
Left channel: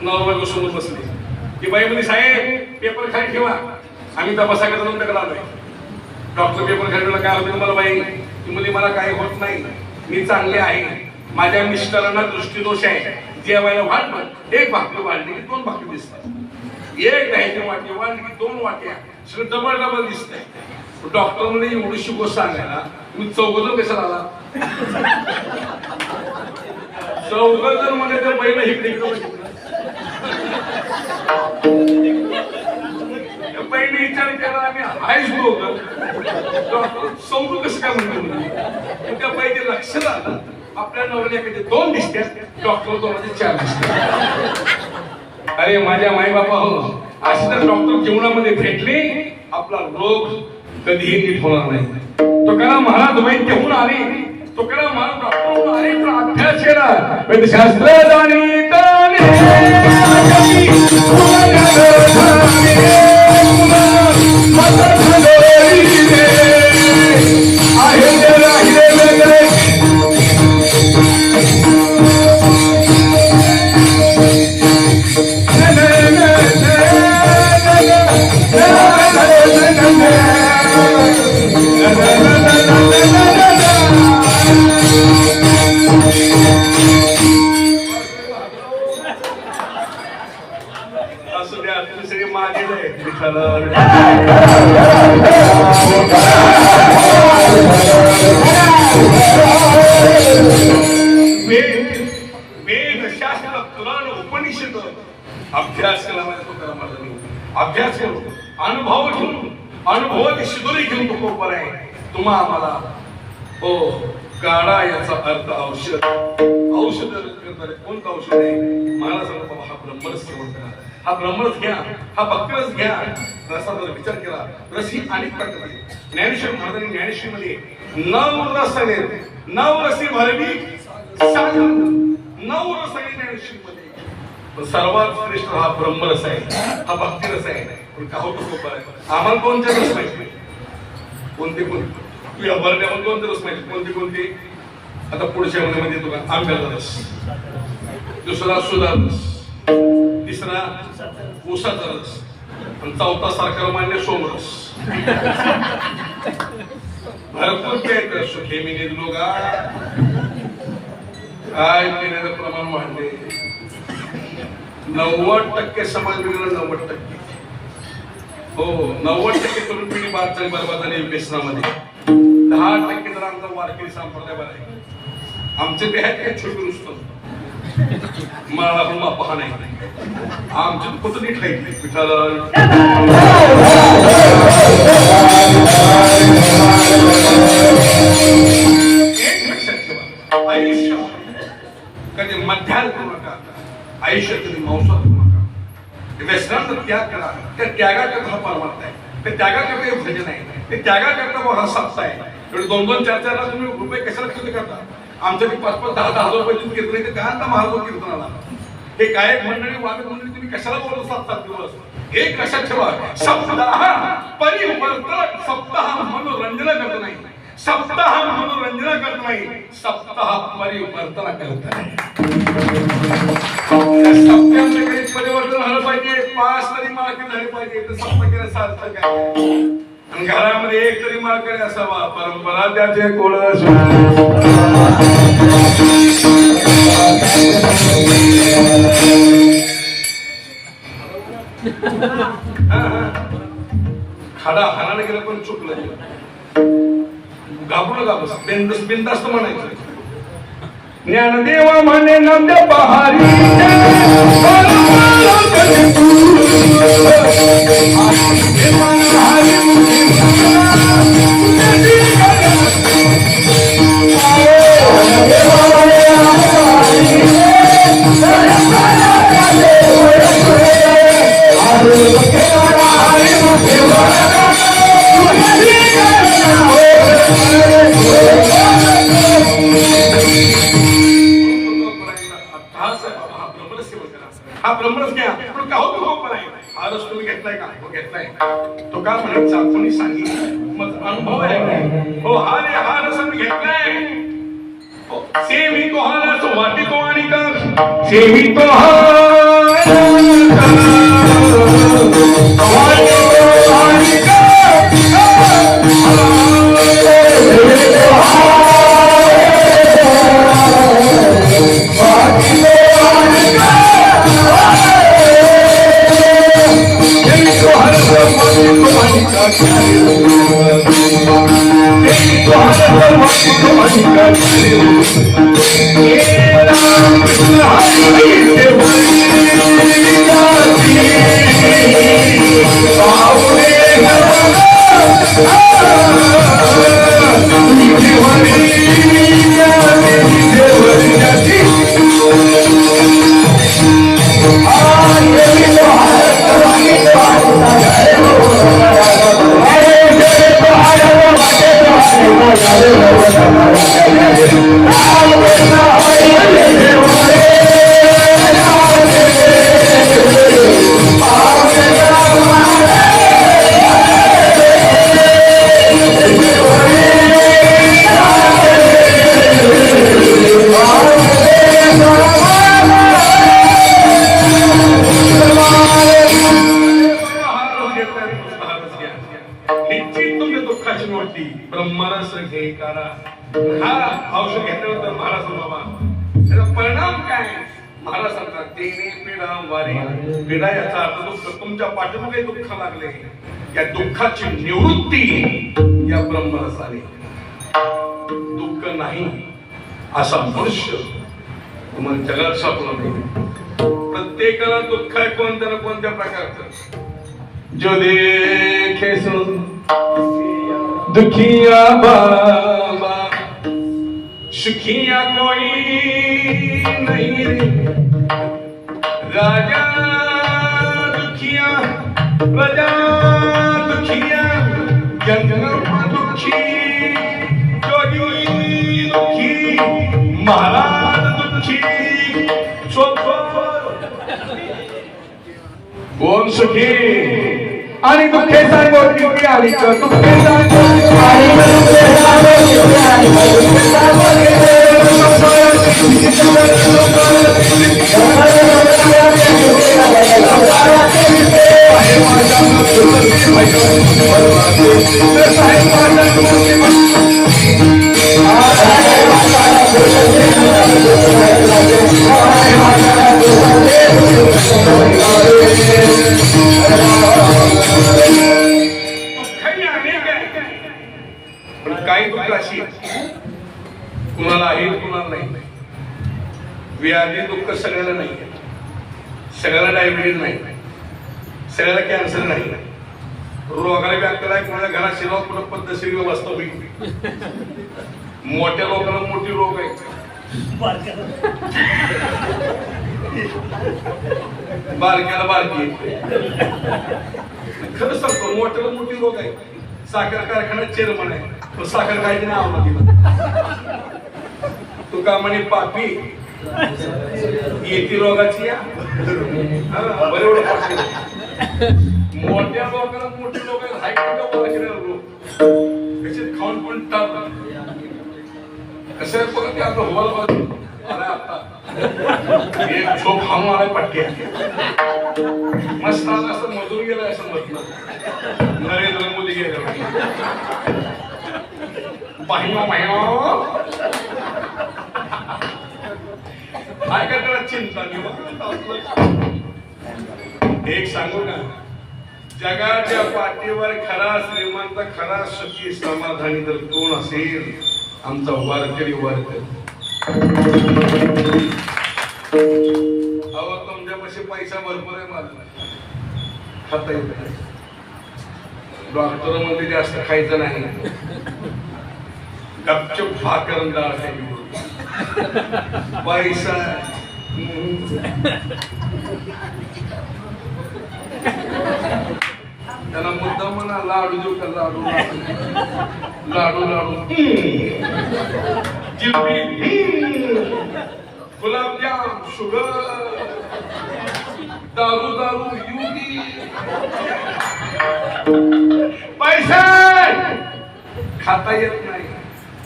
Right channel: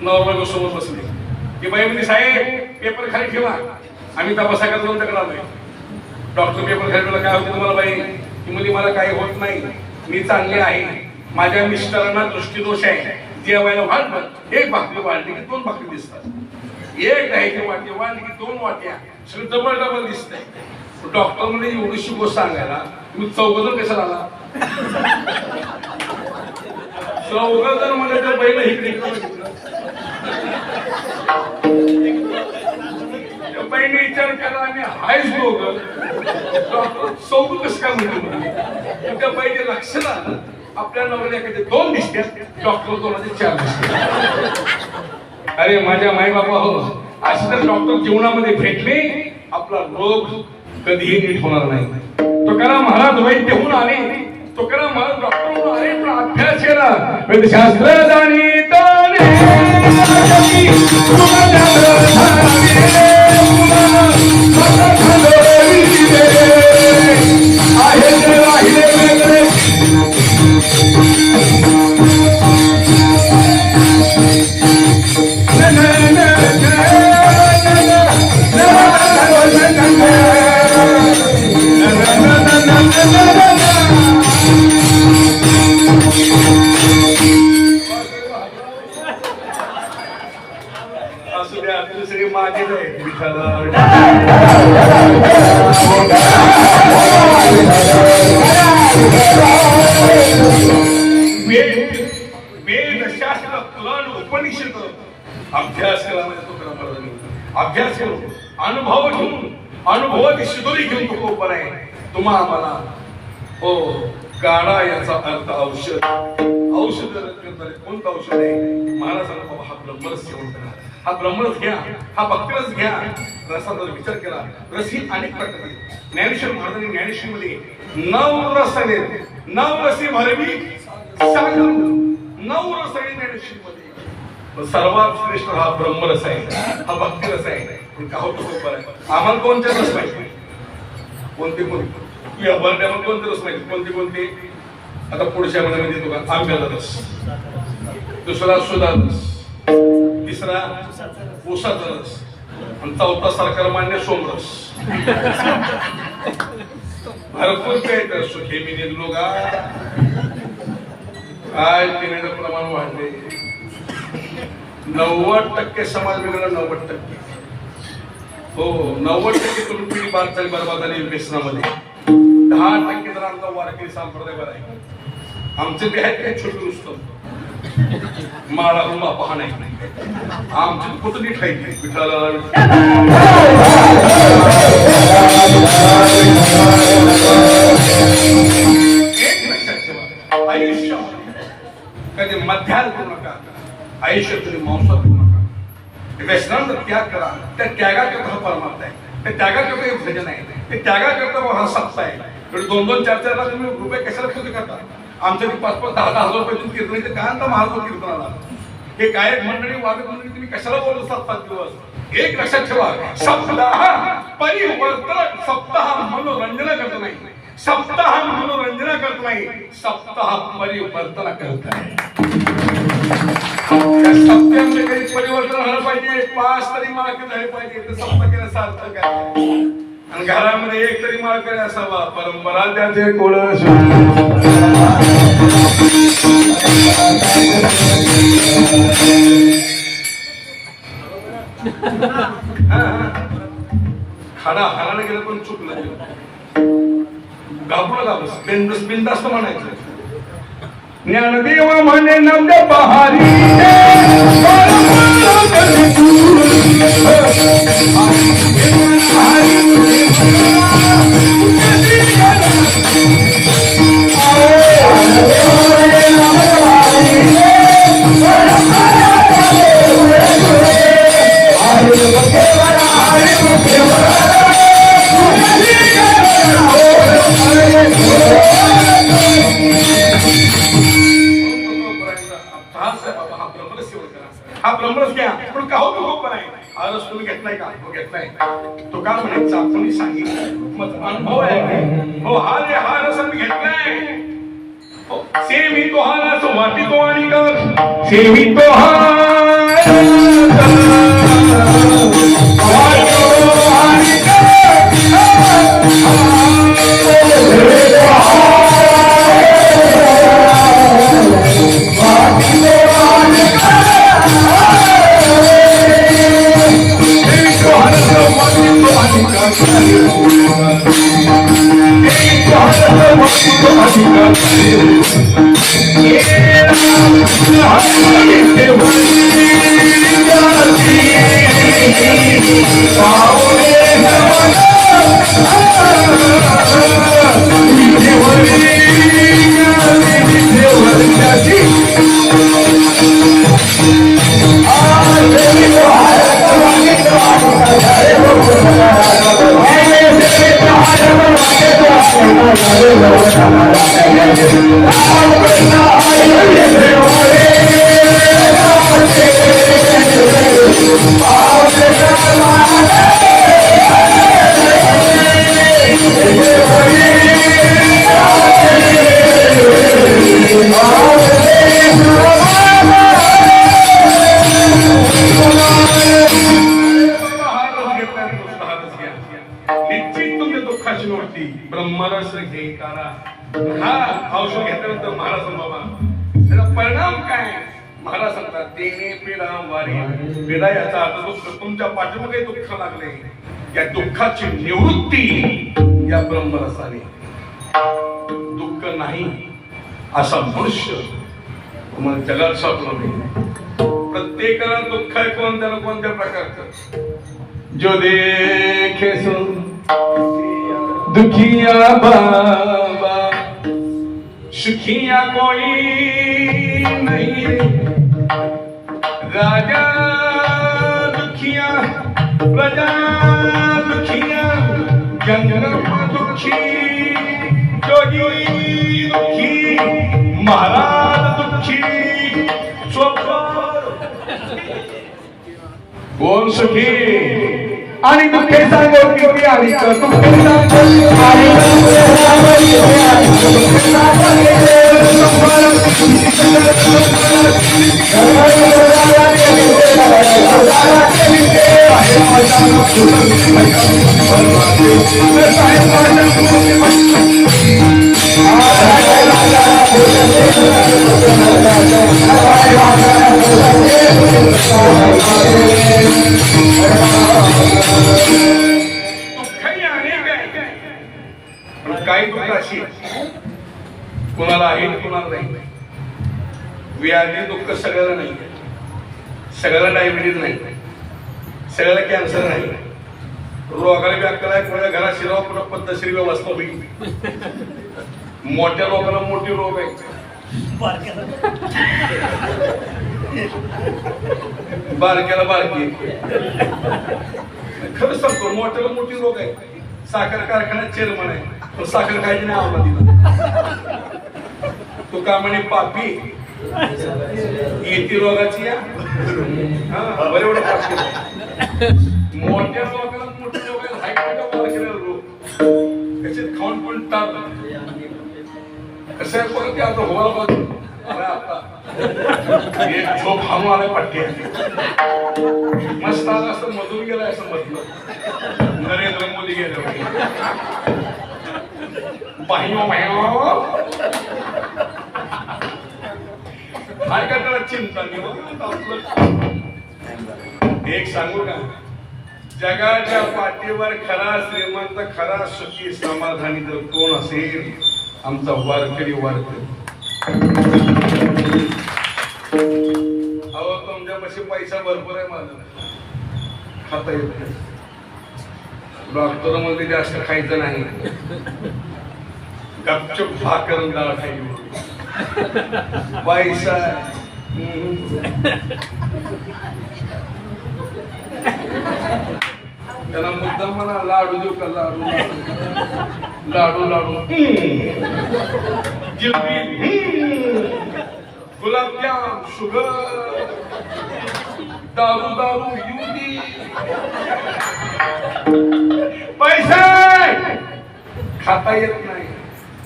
नवरा समोर बसले. की बाई म्हणजे साहेब पेपर खाली ठेवा, आम्ही तपासायला जाऊन तक्रार आलोय. डॉक्टर पेपर खाली ठेवला, काय होतं तुम्हाला बाई. ती मुली मला काही होत नाही, मी चांगले आहे, माझ्या मिस्टरांना दृष्टीदोष आहे. जेवायला वाढलं 1 भाकरी वाढली की 2 भाकरी दिसतात, 1 घ्यायची वाटी वाढली की 2 वाट्या, सगळं डबल दिसतंय. डॉक्टर म्हणजे एवढीशी गोष्ट सांगायला तुम्ही 4 कसा झाला. 4 म्हणजे ते बैल इकडे पहिली विचार केला आम्ही हायच होतं. डॉक्टर 4 कसं काय म्हणतो. त्या पहिले लक्षात आलं आपल्या नवऱ्याकडे 2 दिसतात, डॉक्टर 2 4 दिसतात. अरे माझ्या मायबापा हो, असं तर डॉक्टर जीवनामध्ये भेटले आपला रोग कधीही नीट होणार नाही. तुकाराम महाराज वैद्य होऊन आले, तुकाराम महाराज डॉक्टर होऊन आले, पण अभ्यास केला शास्त्र जाणीत अभ्यास केला. अभ्यास करू, अनुभव घेऊन, अनुभवाची शिदोरी घेऊन तो खूप बरा आहे. तुम्हा आम्हाला हो गाडा याचा अर्थ औषध. औषध कोणतं औषध आहे. महाराज बाबा हा ब्रह्मरस सेवन करा, हा ब्रह्मरस घ्या, हा भक्तिरस घ्या. रसाचा विचार केला. रस ही अनेक प्रकारचे. ज्ञानेश्वर महाराजांनी ज्ञानेश्वरीमध्ये 9 रस आहेत. 9 रसी भरवी सागर, 9 रस आहेत ज्ञानेश्वरीमध्ये. सर्वात श्रेष्ठ हा ब्रह्मरस आहे, हा भक्तिरस आहे. पण का होतो खूप बरं. आम्हाला कोणते रस माहिती, कोणते तुझ्या बरड्यामध्ये कोणते रस माहिती, कोणते. आता पुढच्या मध्ये तुला आंब्याचा रस, दुसरा सुधा रस, तिसरा ऊसाचा रस, आणि चौथा सरकार मान्य सोमरस. भरपूर काय सुखे मी घेतलो का काय पिण्याचं प्रमाण वाढले. 90% समाज बिघडला. 90% हो 90% तरुण पिढी बाद झाली, बरबाद झाली व्यसनामध्ये. 10% जर आमचा वारकरी संप्रदाय बरा आहे. आमचे बी आहेत काही छोटे नुसतं माळा मापा नाही. आमची कुठं नीट आहे पिठाला आयुष्य कधी मध्यान करू नका. आयुष्य तुम्ही मांसाहार करू नका. व्यसनांचा त्याग करा. त्या त्यागाकरता हा परमार्थ आहे. त्या त्यागाकरता हे भजन आहे. ते त्यागाकरता हा सप्ताह आहे. 2-2, 4-4 लाख तुम्ही रुपये कशाला खर्च करता. आमच्या 5-5, 10-10 हजार रुपये कीर्तन ते त्यानंतर महाराज कीर्तनाला हे गायक मंडळी वादक मंडळी तुम्ही कशाला बोलत 7-7 दिवस. एक लक्षात ठेवा, सप्ताह परिवर्तन. सप्ताह मनोरंजन करत नाही. सप्ताह मनोरंजन करत नाही. सप्ताह परिवर्तन करत आहे. सप्त्यामध्ये काही परिवर्तन झालं पाहिजे. 5 तरी मालकी झाले पाहिजे. तर सप्ताह केला सार्थ काय. आणि घरामध्ये एक तरी मालकरी असावा. परंपरा त्याचे कोळस खाडा हाराने गेलं पण चुकलं. घाबरू बिंदास्त म्हणायचं. ज्ञानदेव म्हणे नंद बहारी हा ब्रह्मरस घ्या. पण का होतो खूप आहे. हा रस तुम्ही घेतलाय का. हो घेतलाय. तो का म्हणायचा कोणी सांगितलं मग अनुभव आहे. हो हा रे हा रस मी घेतलाय. सेवी तो हा रस वाटी तो आणि कर सेवी तो ब्रह्मरस घे करा. हा औषध घेतलं तर महाराज बाबा त्याचा परिणाम काय. महाराज सांगतात देणे पीडा वारी. पीडा याचा अर्थ दुःख. तुमच्या पाठीमागे दुःख लागले. या दुःखाची निवृत्ती या ब्रह्मरसाने. दुःख नाही असा मनुष्य तुम्हाला जगात सापडला नाही. प्रत्येकाला दुःख आहे कोणत्या ना कोणत्या प्रकारचं. जो देखे सुन दुखिया बाबा सुखिया कोई नहीं. राजा दुखिया प्रजा दुखिया जंगम दुखी जोगी दुखी महाराज दुखी कोण सुखी आणि दुःखेचा गोष्टी आली तर दुःखेचा काही दुःख अशी कुणाला आहे कुणाला नाही. व्याधी दुःख सगळ्याला नाही, सगळ्याला डायबिटीज नाही, सगळ्याला कॅन्सर नाही, रोगाला व्याप्त आहे. कोणाला घरात शिराव पुन्हा पद्धतशीर व्यवस्था होईल. मोठ्या लोकांना मोठी रोग आहे, बारक्याला बारकी. खरं सांगतो मोठ्याला मोठी रोग आहे. साखर कारखान्यात चेअरमन आहे, पण साखर खायची नाही आवडत तिला. तू का म्हणे पापी येती रोगाची या बरोबर. मोठ्या लोकांना मोठे लोक कसे खाऊन पण टाळ कसं बघा की आपलं होवाला बघ आता झोप खाऊन आलाय पट्टी मस्त आला असं मजूर गेलाय असं म्हटलं. नरेंद्र मोदी गेले काय करताना चिंता घेऊ. एक सांगू का, जगाच्या पाठीवर खरा श्रीमंत, खरा सुखी समाधानी जर कोण असेल, आमचा वारकरी वारकरी. अहो तुमच्यापाशी पैसा भरपूर आहे, माझा खाता येत नाही. डॉक्टर मध्ये जास्त खायचं नाही, गपचूप भाकर डाळ खायची. पैसा त्याला मुद्दा म्हणा लाडू देऊ का, लाडू लाडू लाडू जिलेबी गुलाबजाम शुगर दारू दारू युदी. पैसा खाता येत नाही,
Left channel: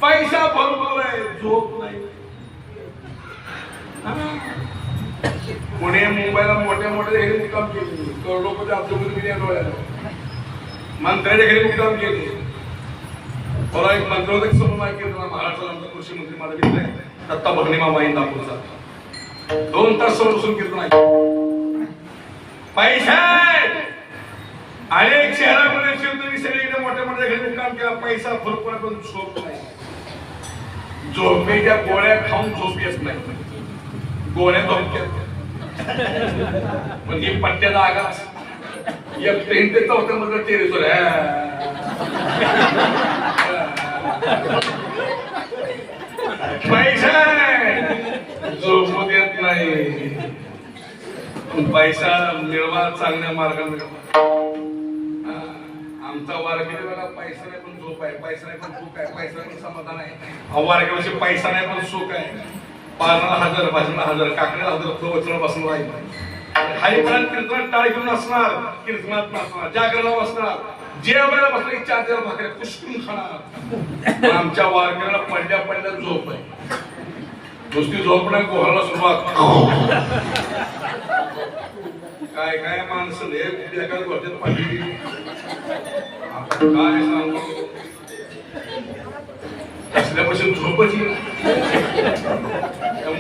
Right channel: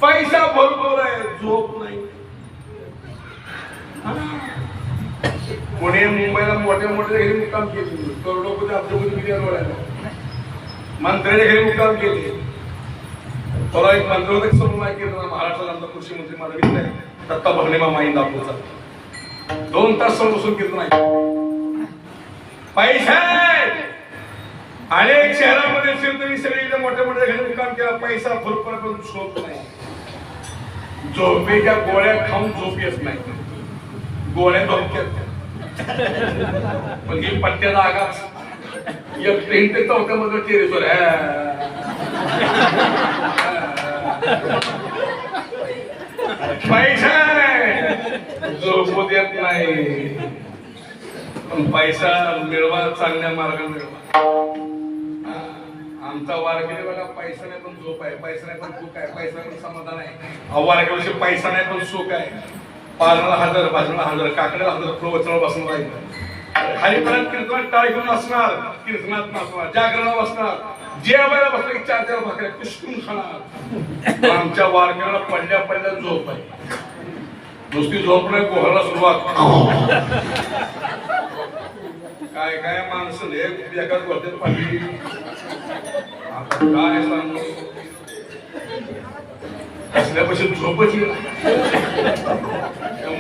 पैसा भरपूर आहे, झोप नाही. पुणे मुंबईला मोठ्या मोठ्या घरी मुक्काम केले, करोडोपती अब्दुलपती मंत्र्याच्या घरी मुक्काम केले. मला एक मंत्र समोर केलं, महाराष्ट्राला आमचा कृषी मंत्री माझा मित्र आहे दत्ता भगणे मामा इंदापूरचा. 2 तास समोर कीर्तन आहे. पैसा अनेक शहरामध्ये सगळीकडे मोठ्या मोठ्या घरी मुक्काम केला, पैसा भरपूर पण झोप नाही. झोपेच्या गोळ्या खाऊन झोप येत नाही, गोळ्या धोक्यात पण ही पट्ट्याला आगाच या 3 ते 4 मध्ये टेरेसवर पैसा झोप येत नाही. पैसा मिळवा, चांगल्या मार्गाने मिळवा. आमचा वारकरी बघा, पैसा नाही पण झोप आहे, पैसा नाही पण सुख आहे, पैसा नाही समाधान आहे. वारकरी पैसा नाही पण सुख आहे. पारणाला 1000, भाजनाला 1000, काकड्याला 1000 प्रवचन बसून राहिलं. हरिपणात कीर्तनात टाळ घेऊन असणार, कीर्तनात नसणार, जागरणा बसणार, जेवायला बसला 4 भाकऱ्या कुसकून खाणार. आमच्या वारकऱ्याला पडल्या पडल्या झोप आहे. नुसती झोप नाही, गोहाला सुरुवात. काय काय माणसं एकाच गोष्टीत पाहिजे. काय सांगू, असल्यापासून झोपच येईल.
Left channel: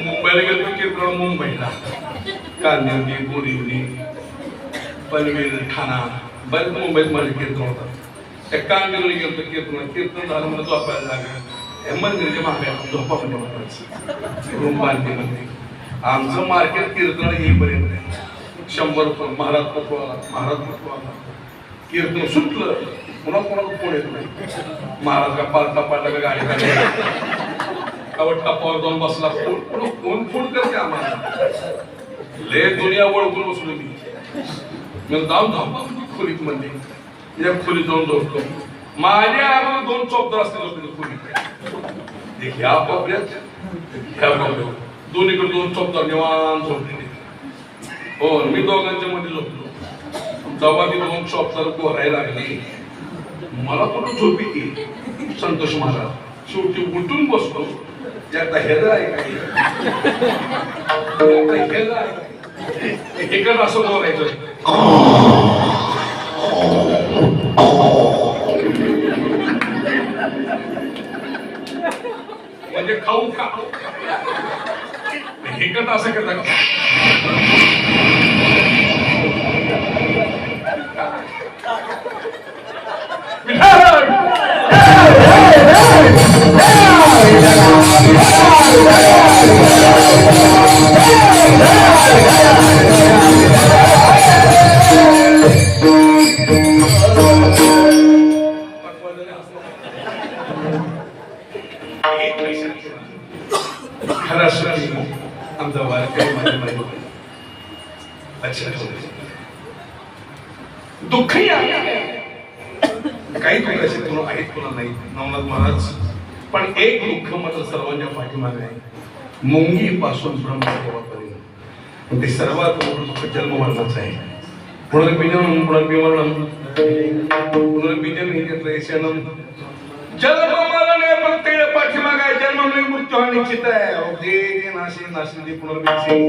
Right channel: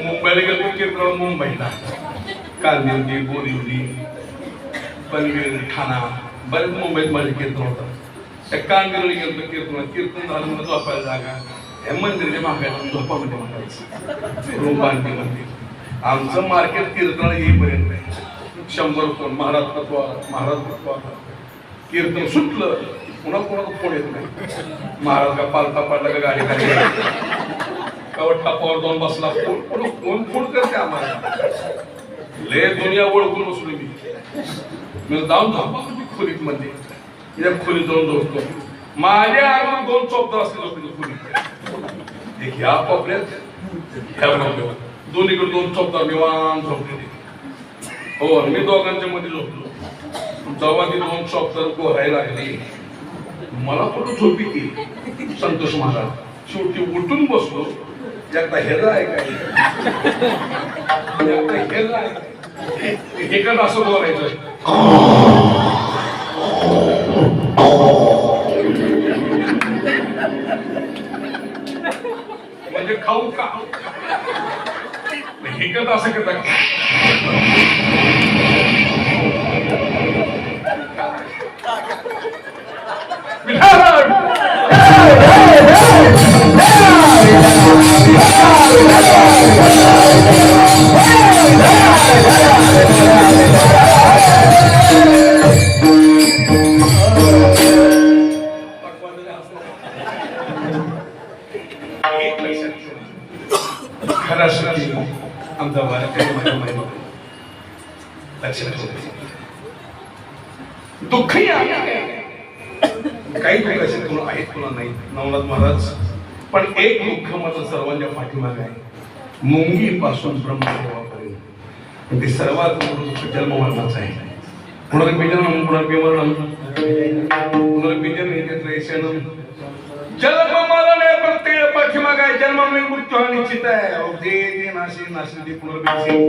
मुंबईला गेलो की मुंबईला कांदिवली, बोरिवली, पनवेल, ठाणा, बरेच मुंबईत माझे कीर्तन होतात. त्या कांदिवली गेलो कीर्तन झालं म्हणून झोपायला जागा मंदिराच्या मागे आपण झोपामध्ये म्हणायचं रूम बांधली नव्हती. आमचं मार्केट कीर्तनाला येईपर्यंत नाही. 100 रुपये महाराज तत्वाला कीर्तन सुटलं पुन्हा कोणाला फोन येत नाही. महाराज का पालता पाडला का गाडी काढली कवट टापावर 2 बसला, फोन करते आम्हाला. ले दुनिया ओळखून बसलो मी जाऊन झोपतो खोलीत मध्ये. एक खोलीत जाऊन झोपतो. माझ्या आम्हाला 2 चौकदार असते झोपले खोलीत. ह्या कोपऱ्यात ह्या कोपऱ्यात दोन्हीकडे 2 चौकदार निवांत झोपले. हो मी दोघांच्या मध्ये झोपलो. जेव्हा ती 2 चौकदार गोरायला लागली मला थोडं झोप येते. संतोष महाराज शेवटी उठून बसलो. एकदा हेला आहे काही हेला आहे हे असं बोलायचं खाऊ का एकच असं केलं आमचा दुःखही काही दुःख असे तुला आहेत तुला नाही नवनाथ महाराज पण एक दुःख मात्र सर्वांच्या पाठीमागे आहे मुंगी पासून ब्रह्मदेवापर्यंत ते सर्वात मोठं दुःख जन्म मरणाचं आहे पुनर्विजनम पुनर्विमरणम पुनर्विजन जन्म मरण या प्रत्येक पाठीमागे जन्म मृत्यू हा निश्चित आहे नाशिक पुनर्विजन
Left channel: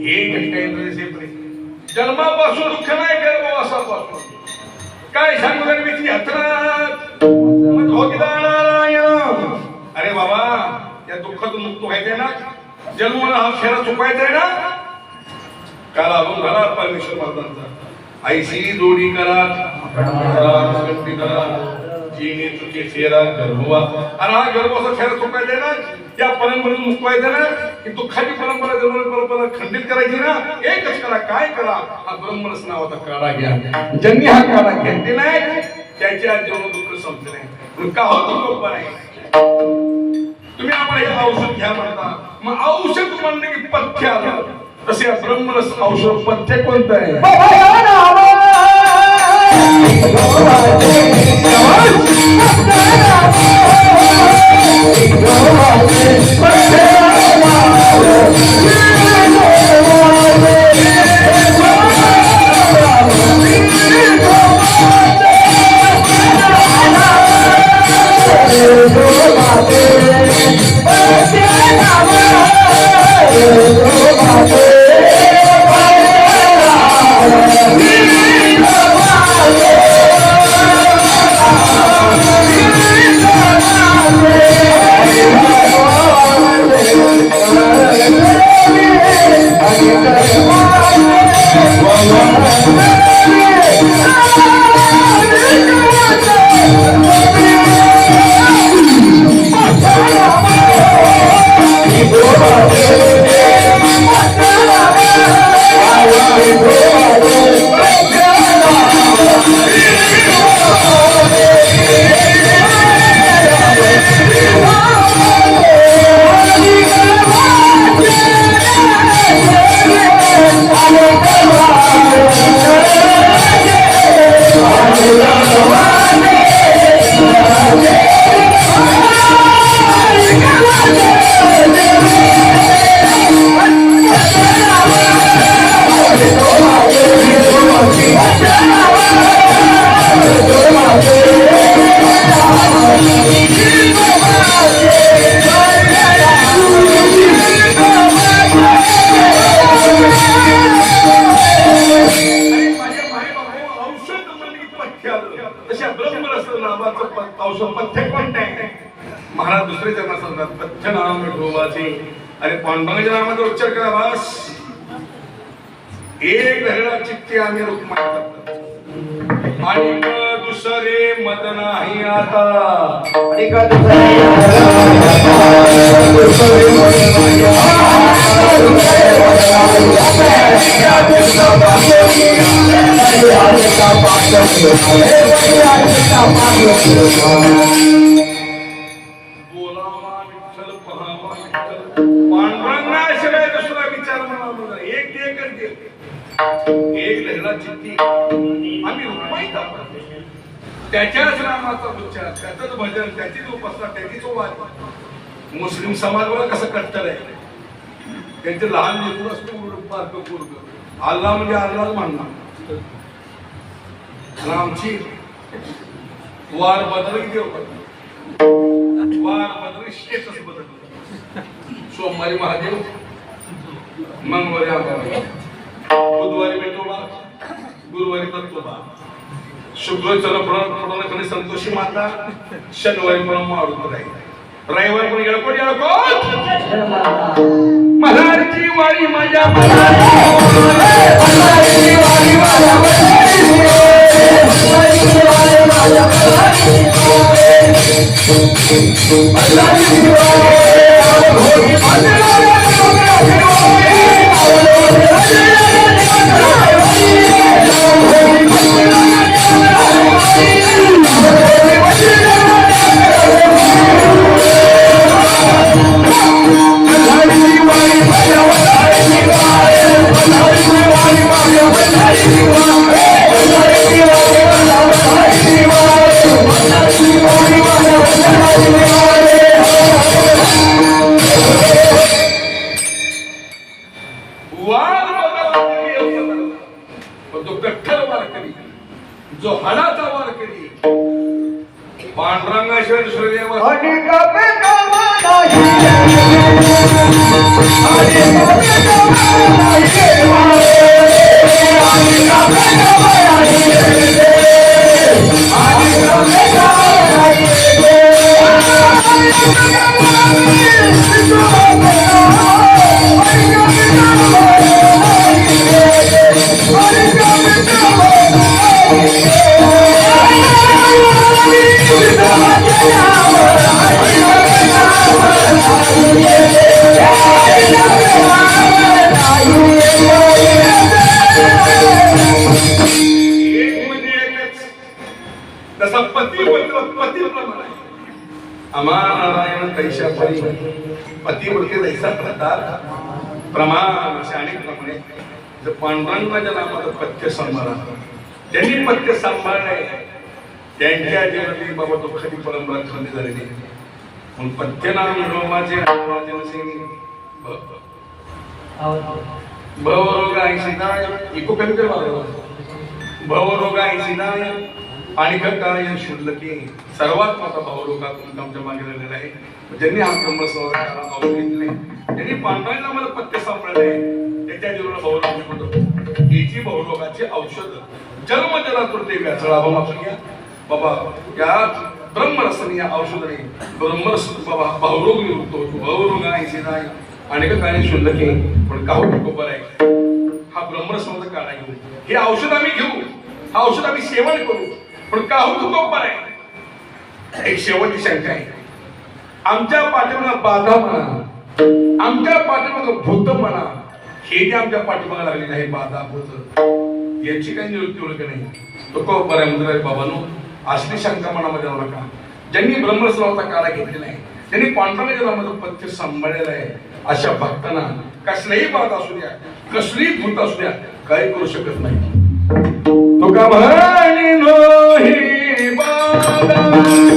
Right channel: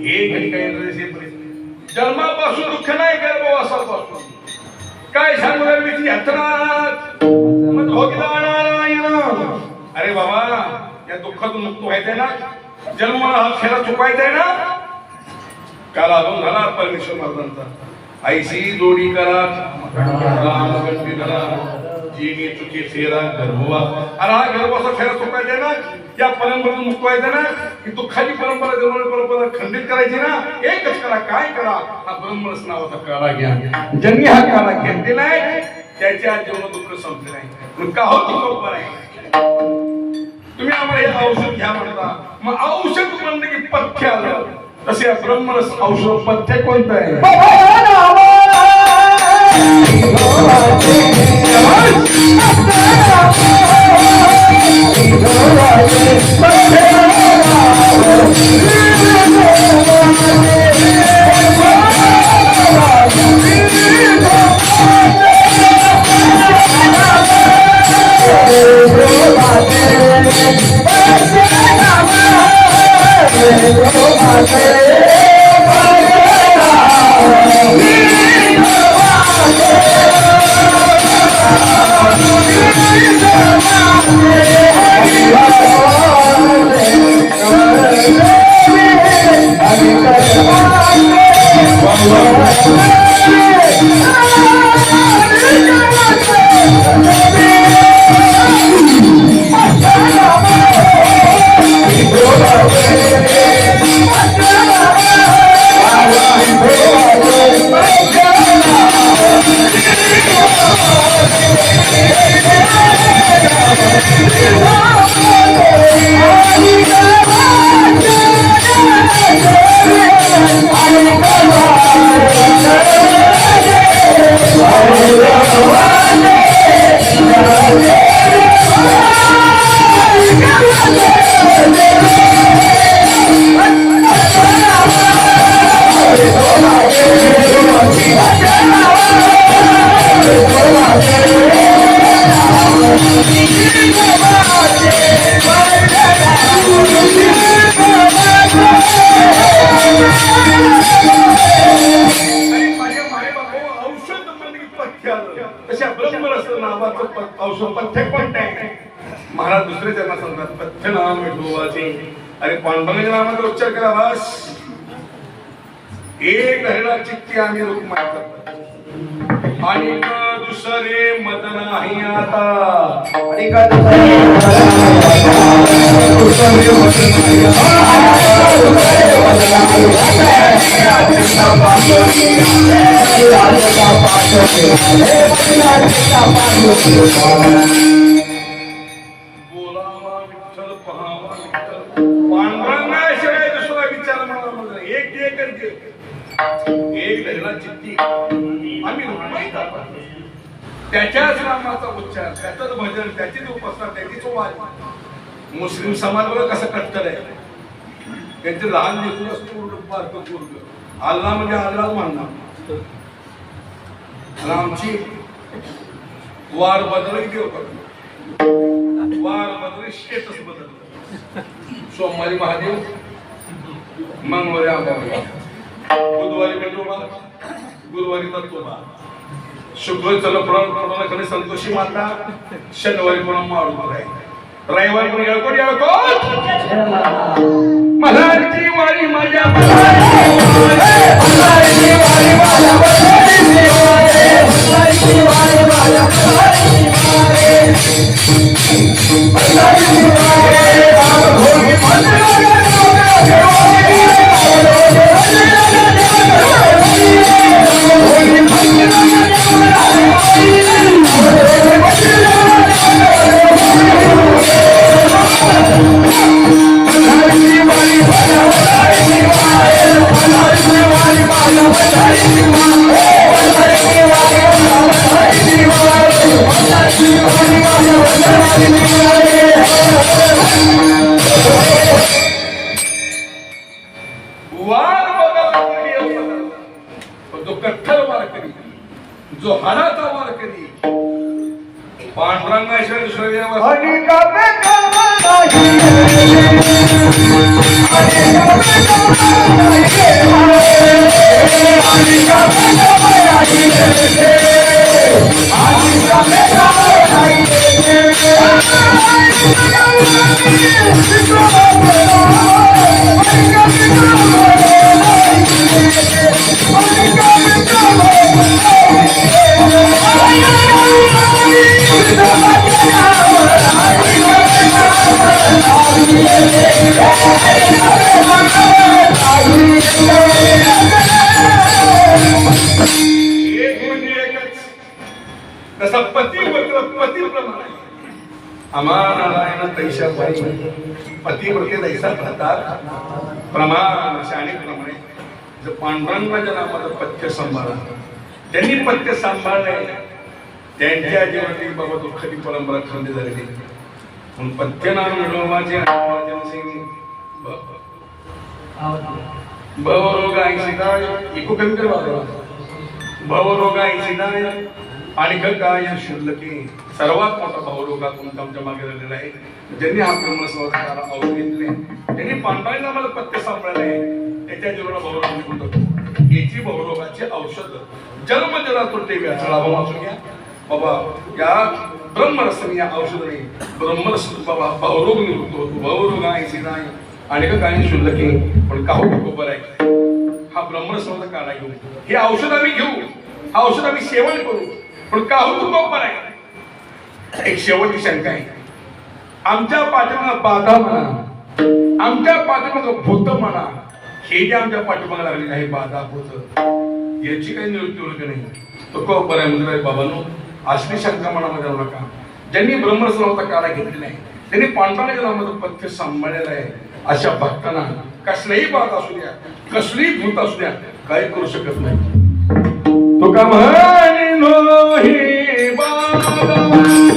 हे काही जन्मापासून दुःख नाही गर्भवासापासून काय सांगू यात्रा अरे बाबा या दुःखातून मुक्त व्हायचंय ना जन्म हा खेळ चुकायचा ना काल अजून झाला परमेश्वर महाराजांचा ऐशी जोडी करा जीने तुझे फेरा गर्भवा अरे हा गर्भाचा फेरा चुकायचा ना या परंपरेतून मुक्त व्हायचं ना की दुःखाची परंपरा खंडित करायची ना एकच करा काय करा हा ब्रह्मरस नावाचा काळा घ्या ज्यांनी हा काळा घेतले नाही त्याच्या जीवन दुःख संपले नाही मग का होतो लोक आहे तुम्ही आम्हाला हे औषध घ्या म्हणता मग औषध म्हणलं की पथ्य आलं तसे ब्रह्मरस औषध पथ्य कोणतं आहे महाराज दुसरे त्यांना सांगतात पथ्य नाम विठोबाचे अरे पांडुरंगाच्या नामाचा उच्चार करा बस एक धरणा चित्ती आम्ही रुक्मा आणि दुसरे मत नाही आता पांडुरंगाशिवाय दुसरा विचार मला म्हणला एक लहरा चित्ती आम्ही रुक्माई त्याच्याच नामाचा उच्चार त्याचंच भजन त्याचीच उपासना त्याचीच वाद मुस्लिम समाज बघा कसं कट्टर आहे त्यांचे लहान लेकरू असते बारकं पोरग अल्लाह म्हणजे अल्लाह म्हणणार आणि आमची वार बदल देव करतो वार बदल स्टेटस बदल सोमवारी महादेव मंगळवारी आंबाबाई बुधवारी विठोबा गुरुवारी दत्तोबा शुक्रवारी चला पुढे संतोषी माता शनिवारी मला मारुती राहील रविवार कोण येळकोट मल्हारची वारी माझ्या तो कठ्ठल वारकरी जो हाडाचा वारकरी पांडुरंगाश्वर श्रदेव तसा पतिव्रत अमानारायण कैशवरी पतिव्रते जैसा प्रताप प्रमाण असे अनेक प्रमाणे जर पांडुरंगाच्या नामाचं पथ्य सांभाळा त्यांनी पथ्य सांभाळले त्यांच्या जीवनातील बाबा दुःखाची परंपरा खंड झालेली म्हणून पथ्य नाम मिळवण्याचे भवरोगाय सीताय इको कमी कर भवरोगाय सीताय आणि काय शुद्धकी सर्वात मोठा भावरोगा तुमच्या मागे झालेला आहे ज्यांनी हा ब्रह्मस्वभावाला आवडून घेतले त्यांनी पांडवांना मला पथ्य सांभाळले त्याच्या जीवनाला भावरोग म्हणतो याची भावरोगाचे औषध जन्मजलातुर्ते व्यासळा वाचून घ्या बाबा या ब्रह्मरसनी या औषधाने ब्रह्मरस बाबा भावरोग निवृत्त होतो भावरोगाय सीताय आणि काय शुद्धकी पण काहू बरोबर आहे हा ब्रह्मरसचा काढा घेऊ हे औषध आम्ही घेऊ हा औषध आम्ही सेवन करू पण का हो तू बरोबर आहे एक शेवटची शंका आहे आमच्या पाठीमागे बाधा म्हणा आमच्या पाठीमागे भूत म्हणा हे जे आमच्या पाठीमागे लागलेले आहे बाधा भूत याची काही निवृत्ती ओळख नाही तो का बरोबर आहे बाबांनो असली शंका मनामध्ये नका ज्यांनी ब्रह्मस्वभावाचा काढा घेतलेला आहे त्यांनी पांडवांच्या नामाचं पथ्य सांभाळलेलं आहे अशा भक्तांना कसलीही बाधा असू द्या कसलीही भूत असू द्या काही करू शकत नाही तो का म्हणी नोही बाबा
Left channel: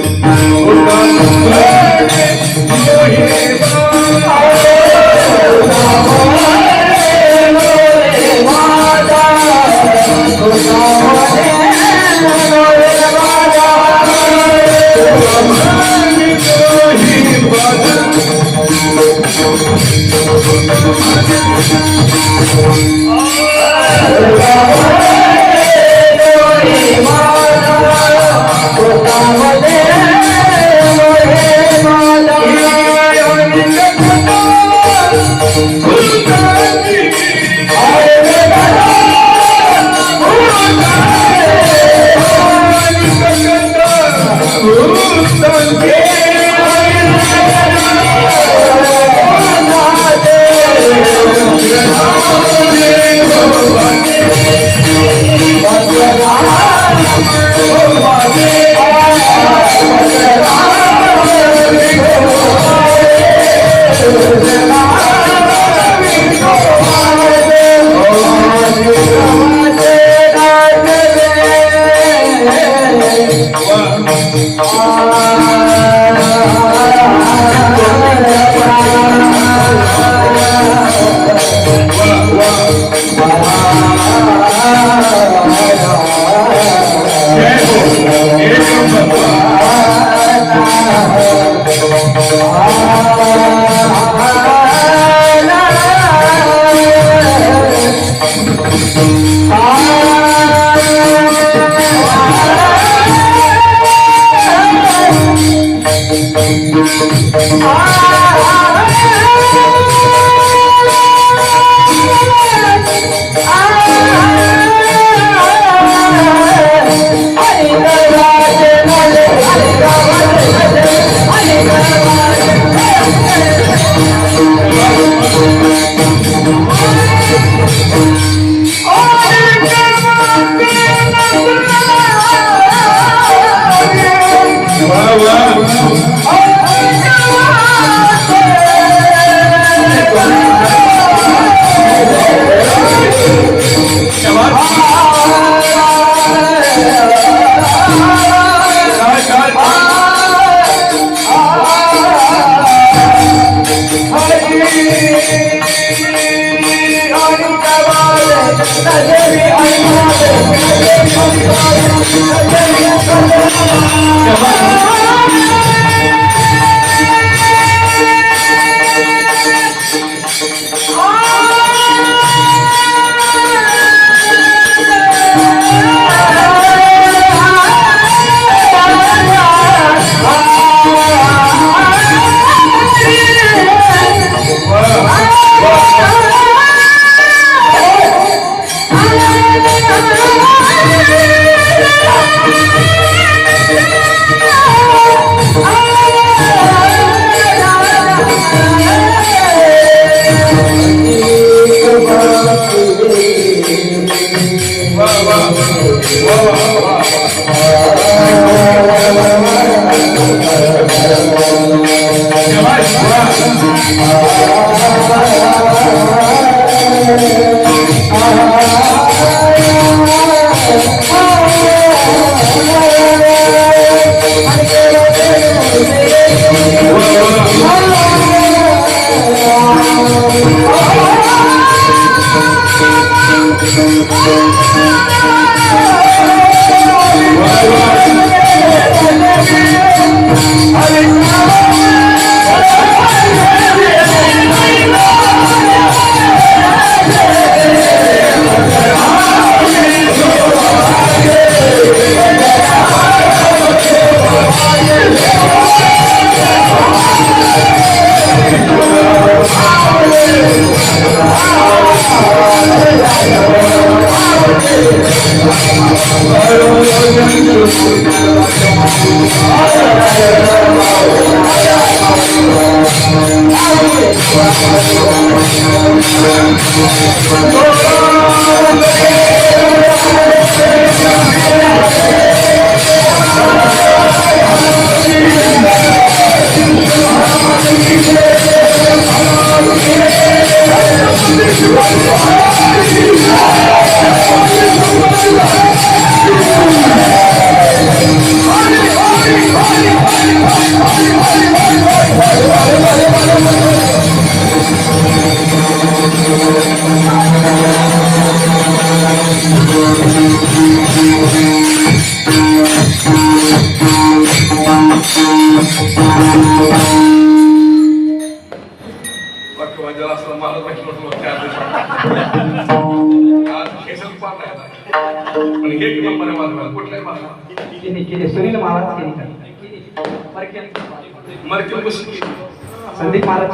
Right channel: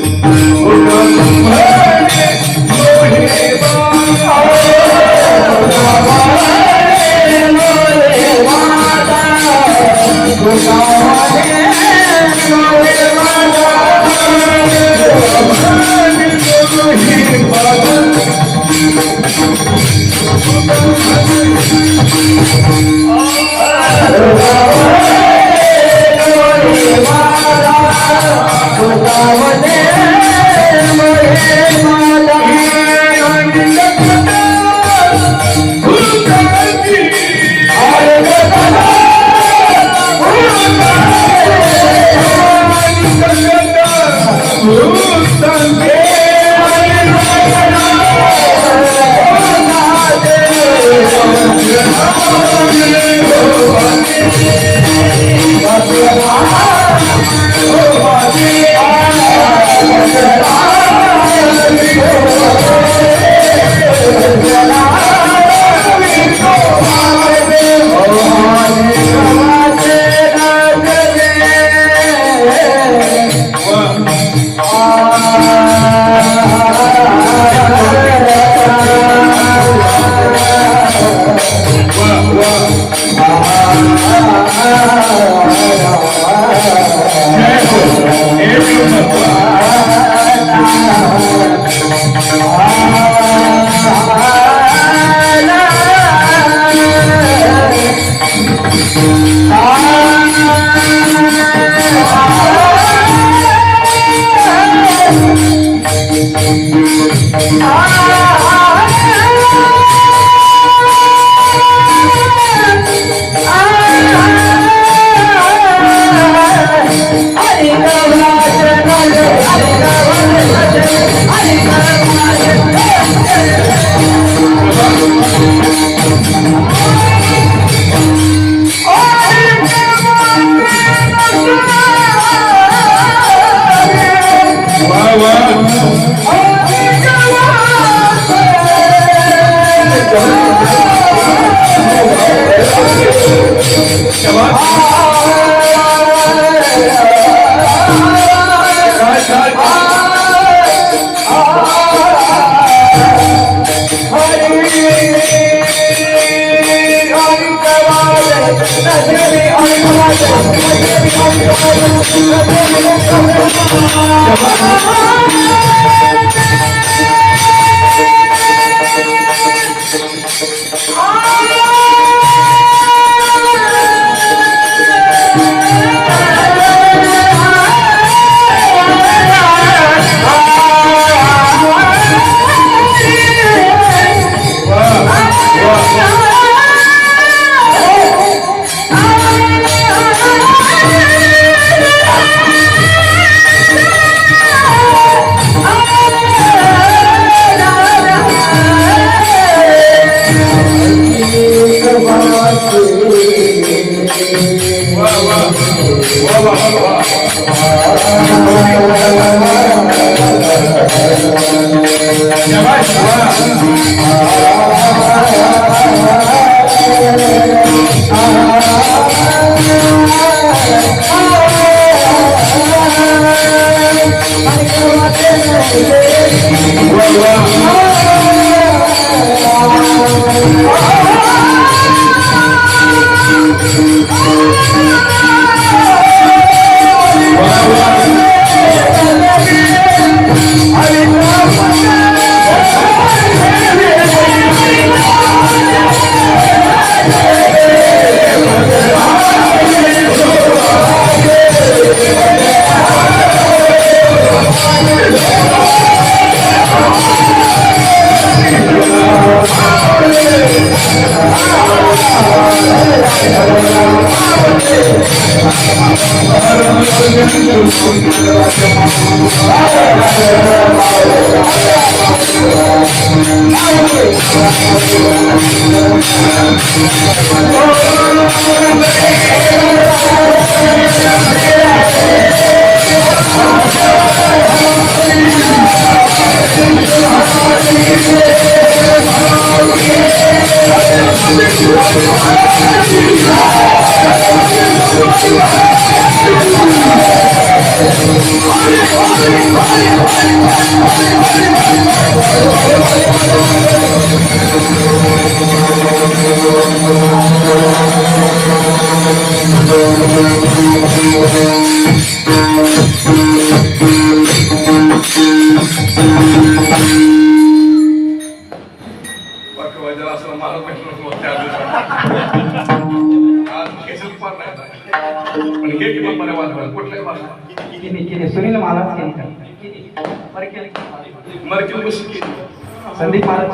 संदीप महाराज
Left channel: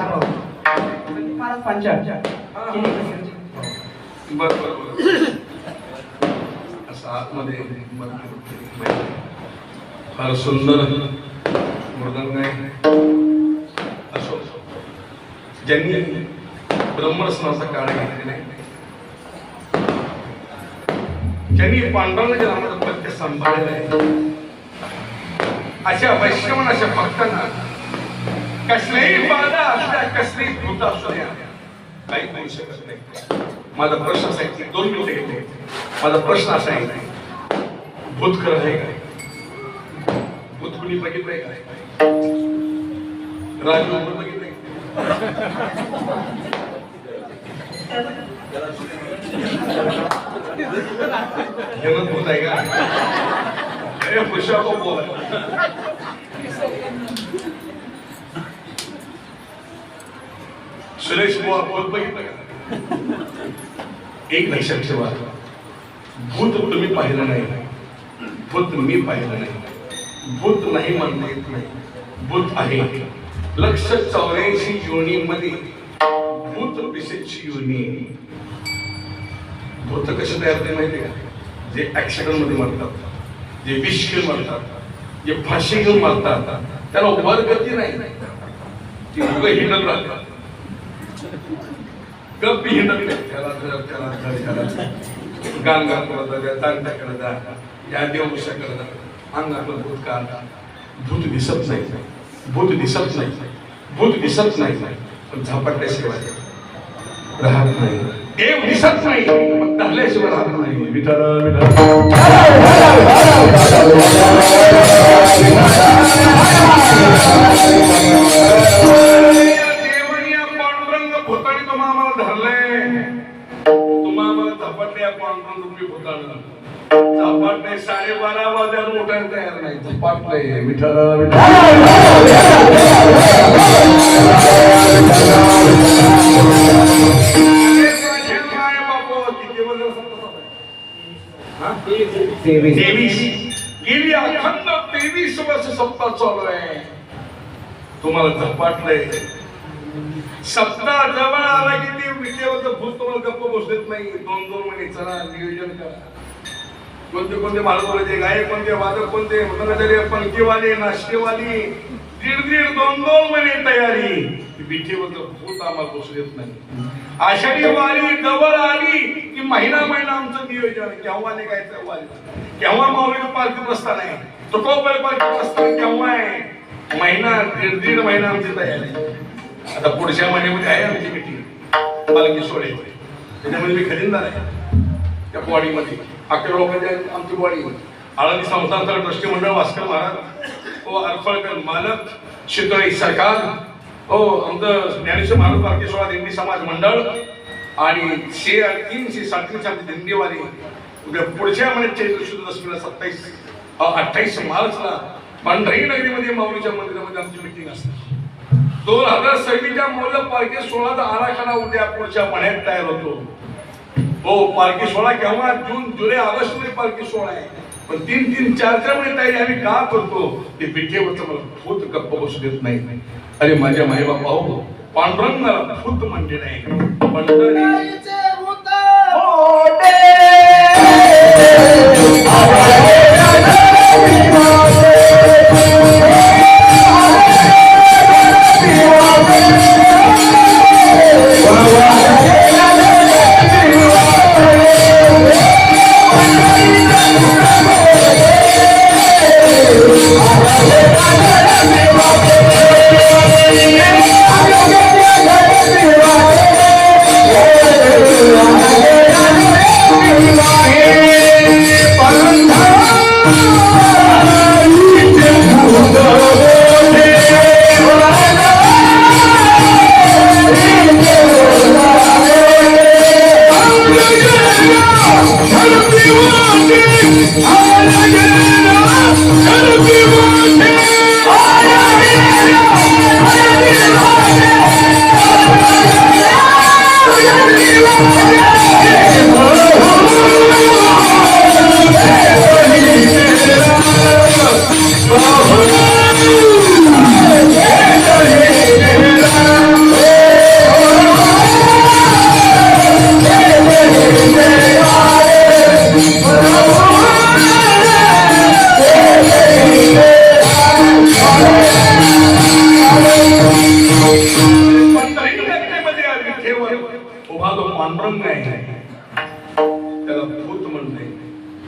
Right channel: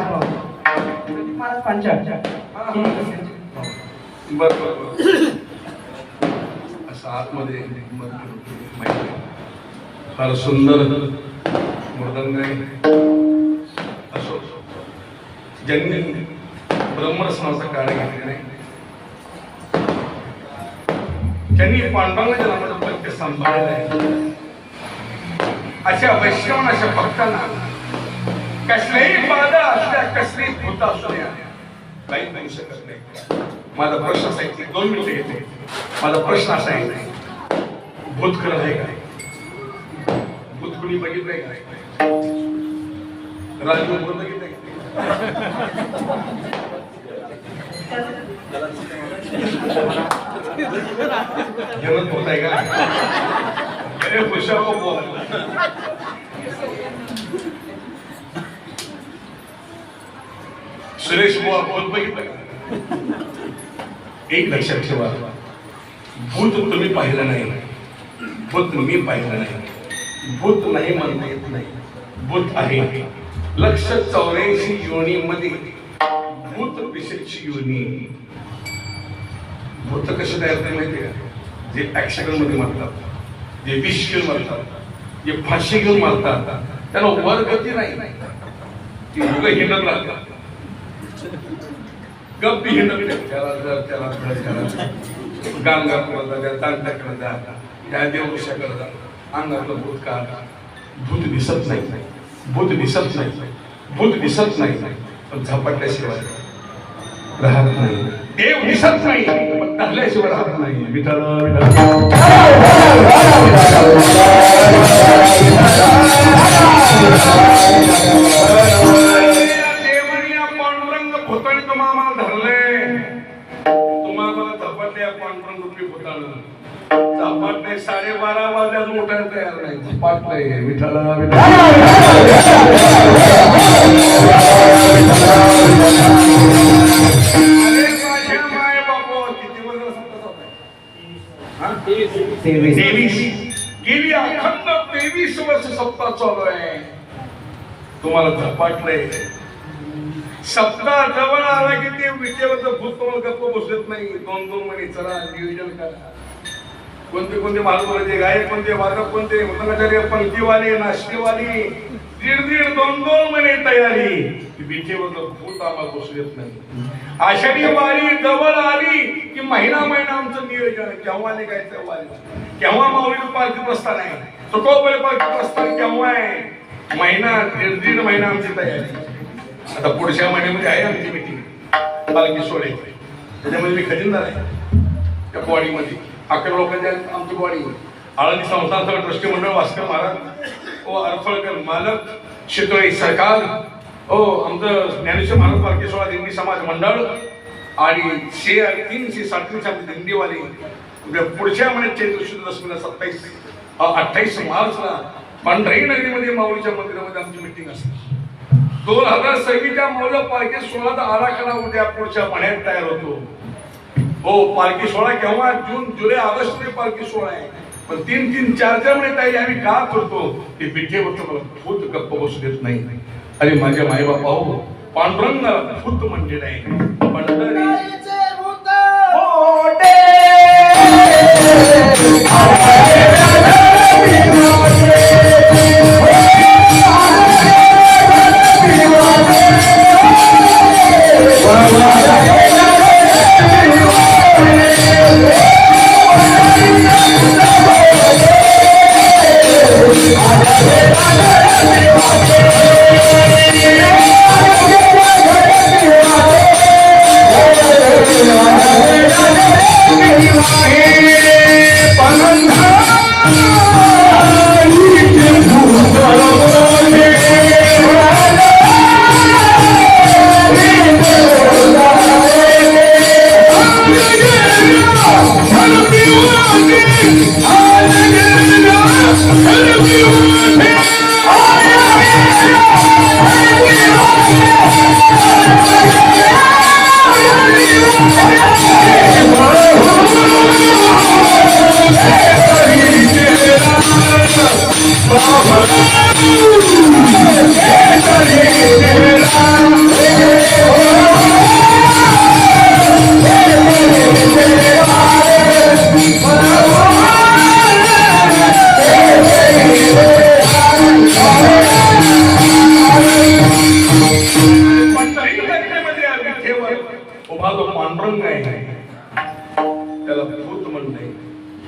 पंचायत असं आतमध्ये फार सुंदर मृदंग आहे. असो ज्यांनी ब्रह्मरसनाचा काळ घेतला नाही, ज्यांनी पांडुरंगाच्या नामाचं प्रत्यय सांभाळलेलं आहे, अशा वैष्णव अशा भक्तांना कसलीही बाधा असल्या, कसलीही भूत असल्या काही करू शकत नाही. माझा प्रश्न असा आहे, 2 मिनिटे घेते. माझा प्रश्न असा आहे, भूतखरं आहे काय? भूत कुणी बघितलंय काय? राजू बघितलंय? जगत होत आहे का? अरे पुरुषा को बोल. सुरेश बुवा भूत बघितलं का? एक लक्षात ठेवा, भूत तुम्ही पाहिलं नाही, भूत मी पाहिलं नाही. भूत नाही म्हणता येत नाही, भूत आहे. 184 योनीमध्ये भूत पिशेची योनी. भूत कसे तयार झाले माहिती का? जे ऍक्सिडेंट मध्ये मरतात, जे विष घेऊन मरतात, जे फाशी घेऊन मरतात, त्याला वर गती नाही, ती मुलं हिंडत राहतात. गप्पी हिंडत नाही. त्याला गाण गात द्या, तांटा करता, या देवऋषाकडे जा, अंगातलं भूत काढा. भूत दिसत नाही, भूत दिसत नाही, भूत दिसत नाही, पण झपाटल्याशिवाय राहत नाही. देव दिसत नाही, पण धरल्याशिवाय राहत नाही. देवनिया पांडुरंग भूताने तुम्हाला धरले, तुम्हाला झपाटल्या पांडुरंग रुपी भूताने झपाटले. 12:30 वाजल्यात उठायला तयार नाही, झपाटले. विठ्ठल गेली अखंड 23 वर्ष सप्ताह चालू आहे. तुम्हाला झपाटलंय. सप्ताह जवळ आला की ते विटेवरचं भूत तुम्हाला गप्प बसत नाही. 2-2 महिने चला नियोजन करा. कोणते कोणते महाराज गायक, कोणते वादक, कोणते पंक्तीवाले, नाश्तेवाली, 1.5-2 महिने तयारी. विटेवरचं भूत आम्हाला बसू देत नाही. आषाढी वारी जवळ आली की महिना आमचं नियोजन. केव्हा निघायचं वारी, केव्हा माऊली पालखीत असताना आहे, तुटोबळे पालखीत असताना केव्हा आहे. महिना 1.5 महिना आमची तयारी. आता पुढच्या महिन्यामध्ये आहे आमची मीटिंग पालखी सोहळे. त्याच्यामध्ये मी खजिनदार आहे त्या बॉडीमध्ये. अख्ख्या लोकांच्या आमची बॉडी. आळंदी संस्थानचं ट्रस्टी मंडळ, भास्कर महाराज, अरफळकर मालक, शितोळी सरकार, आमचं ज्ञानेश्वर महाराज पालखी सोहळा दिंडी समाज मंडळ आणि 337 दिंडीवाली. पुढच्या महिन्यात चैत्र शुद्ध दशमीला 28 मार्चला पंढरी नगरीमध्ये माऊलीच्या मंदिरामध्ये आमची मीटिंग असते. 2026च्या माऊलीच्या पालखी सोहळ्याचा आराखडा उद्या पुढच्या महिन्यात तयार होतो. पालखी सोहळा केव्हा? जून, जुलै, ऑगस्ट मध्ये पालखी सोहळा आहे. पण 3-4 महिने तयारी आम्ही का करतो? ते पिठेवरचं मला भूत गप्प बसू देत नाही. अरे माझ्या माई बापा हो, पांडुरंग भूत म्हणजे नाही, पंढरीचे भूत मोठे.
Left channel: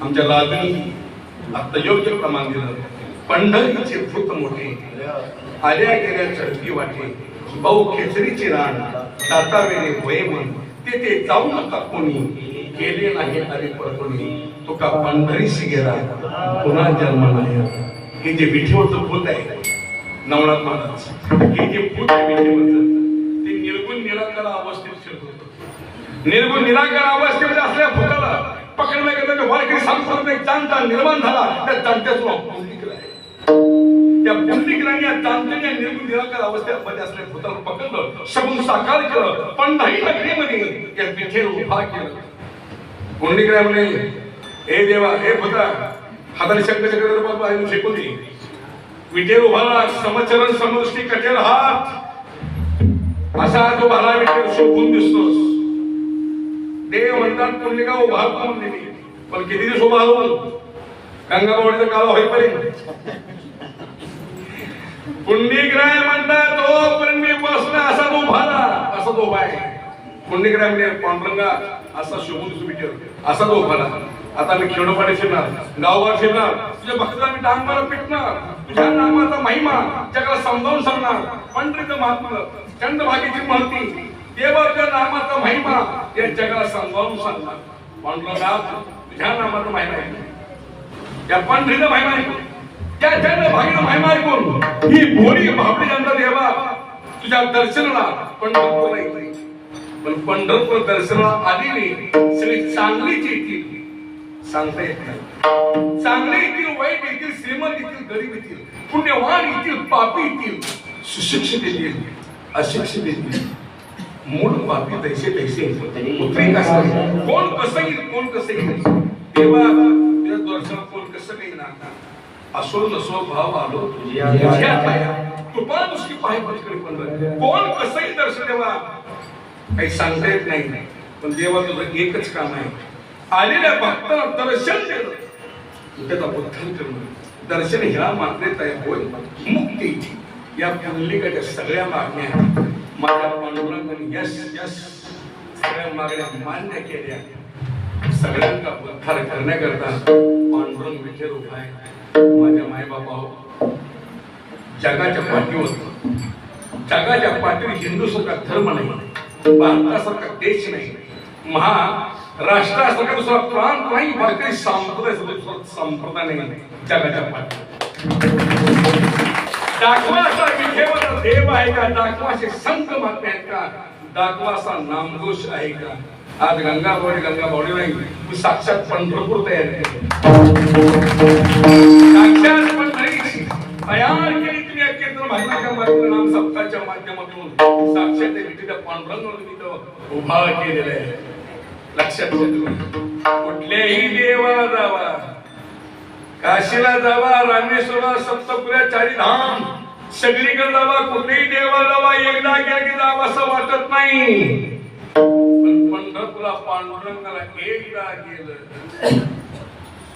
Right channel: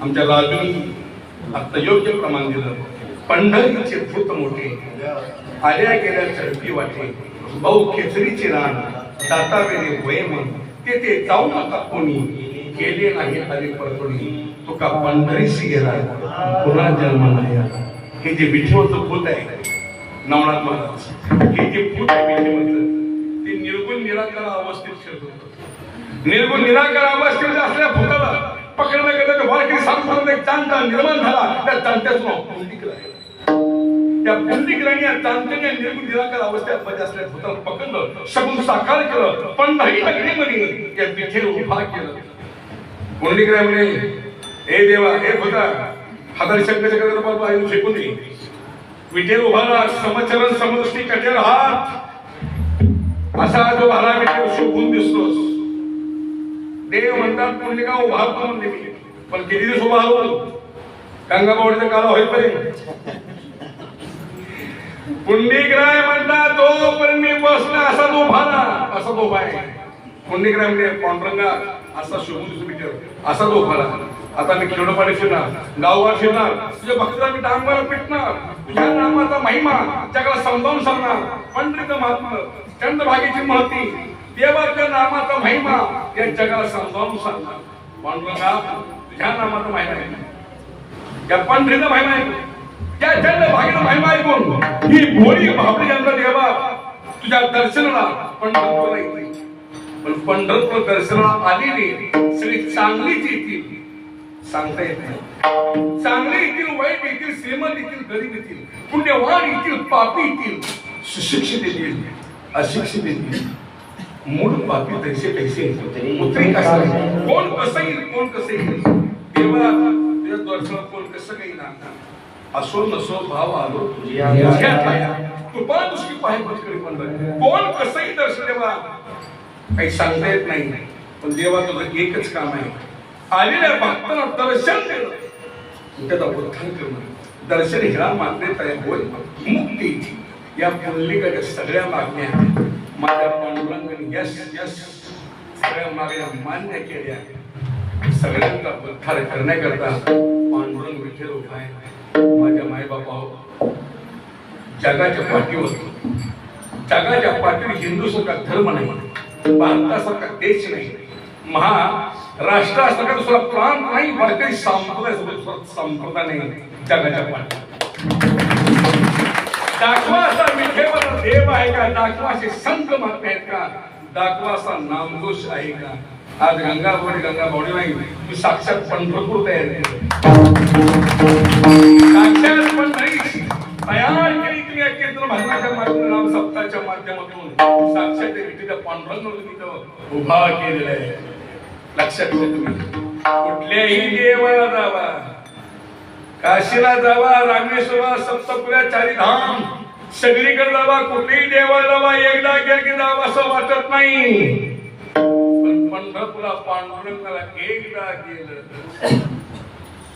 आमच्या राजूनी आता योग्य प्रमाण दिलं. पंढरीचे भूत मोठे, आल्या गेल्या चरकी वाटे, भाऊ खेचरीचे रान, दातावेने वयम, ते जाऊ नका कोणी, केले नाही हरी परतोणी, तुका पंढरीशी गेला पुन्हा जन्म नाही. हे जे विठेवरचं भूत आहे नवनाथ महाराज, हे जे भूत आहे विठेवरचं, ते निर्गुण निराकार अवस्थेत शिरत. निर्गुण निराकार अवस्थेत असल्या भूताला पकडलं गेलं तर वारकरी सांगतो एक चांटा निर्माण झाला. त्या चांट्याचं नाव पुंडलिक आहे. त्या पुंडलिकाने या चांट्याने निर्गुण निराकार अवस्थेत असल्या भूताला पकडलं, सगुण साकार केलं, पंढरी नगरीमध्ये या विठेवर उभा केलं. पुंडलिक म्हणे, हे देवा, हे भूता, हाताने शंकर फेकून दिली. विठे उभारला समचरण समदृष्टी कठेर हात असा जो भाला विठे शोभून दिसतोस. देव म्हणतात पुंडलिका उभारतो म्हणजे मी, पण किती दिवस उभा राहून गंगाबावडीचा काला होईपर्यंत पुंडलिकराय म्हणतात तोपर्यंत मी बसला असा तो उभारला, असा तो उभा आहे. पुंडलिकराय म्हणजे पांडुरंगा असा शोभून दिसतो विठे असा तो उभारला. आता मी खेडोपाडी फिरणार, गावगाव फिरणार, तुझ्या भक्ताला मी डांगर पिटणार, तुझ्या नामाचा महिमा जगाला समजावून सांगणार. पंढरीचं महात्म्य, चंद्रभागेची महती, देवाच्या नामाचा महिमा या जगाला समजावून सांगणार. पांडुरंगा तुझ्या नामाचा महिमा आहे, या पंढरीचा महिमा आहे, त्या चंद्रभागेचा महिमा ऐकून ही भोळी भाबडी जनता देवा तुझ्या दर्शनाला पंढरपूरला येते. पण पंढरपूर दर्शनाला आलेली सगळी चांगलीच येतील सांगता येत नाही. चांगले येतील, वाईट येतील, श्रीमंत येतील, गरीब येतील, पुण्यवान येतील, पापी येतील, सुशिक्षित येतील, अशिक्षित येतील, मूळ पापी तैसे तैसे उतरे कसं कोण कसं येईल, कोण कसं येईल. तेव्हा तुझ्या दर्शनात कोण कसं काही ना असो नसो भाव आलो तुझ्या कृपा दृष्टी पाहि पटकडी पंढर कोण कसंही दर्शन देवा काही सांगता येत नाही. पण देवा तुझं एकच काम आहे, आलेल्या भक्ताला दर्शन देणं, त्याचा उद्धार करणं. दर्शन ह्या मान्यता होय मुक्ती या पुंडलिकाच्या सगळ्या मागण्या माझ्या पांडुरंगाने यस यस सगळ्या मागण्या मान्य केल्या. सगळ्यांचा उद्धार करण्याकरता पांडुरंग विठे उभा आहे. माझ्या मायबापा जगाच्या पाठीवर, जगाच्या पाठीवर हिंदूसारखा धर्म नाही, भारतासारखा देश नाही, महाराष्ट्रासारखा दुसरा प्रांत नाही, भारतीय संप्रदाय नाही जगाच्या पाठीवर. दाखवा असा विठेवर देव आहे का, दाखवा असे संत महात्मे आहेत का, दाखवा असा नामघोष आहे का. आज गंगाबावडी नाही, तू साक्षात पंढरपूर तयार केलं, साक्षात पंढरी तयार केली तुम्ही या कीर्तन भजनाच्या माध्यमातून, नाम सप्ताहाच्या माध्यमातून साक्षात विठीच्या पांडुरंग उभा केलेला आहे. लक्षात घ्या तुम्ही, कुठल्याही देवाला जावा, काशीला जावा, रामेश्वरा, सप्तपुऱ्या, चारी धाम सगळीकडे जावा, कुठेही देवा जावा, एकदा गेला की जावा असं वाटत नाही. पण पंढरपुरा पांडुरंगाला एकदा गेलं,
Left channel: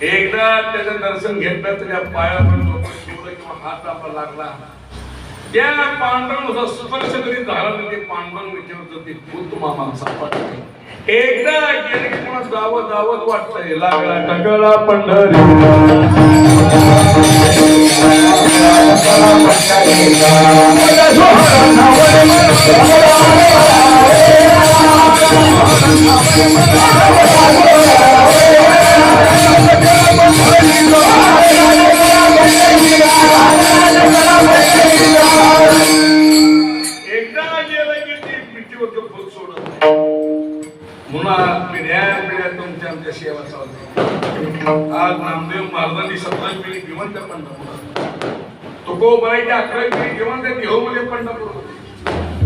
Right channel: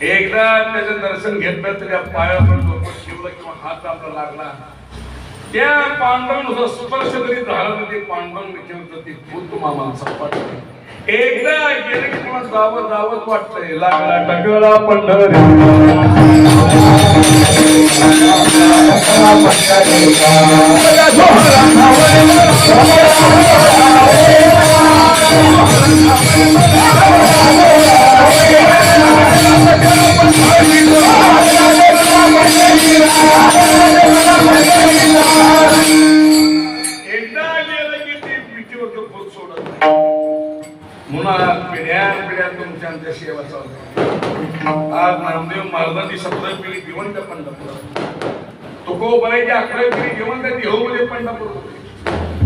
एकदा त्याचं दर्शन घेतलं, त्याच्या पायावर डोकं ठेवलं किंवा हात आपला लागला, त्या पांडुरंग स्पर्श जरी झाला ते पांडुरंग विचारत ते भूत मामा सापडलं. एकदा गेलं की कोणा जावं जावंच वाटतंय. लागला टकला पंढरी सेवा चालू. आज नामदेव महाराजांनी 17 पिढी जिवंत पंढरपूर, तुकोबाईच्या 11 पिढी जिवंत देहूमध्ये पंढरपूरमध्ये,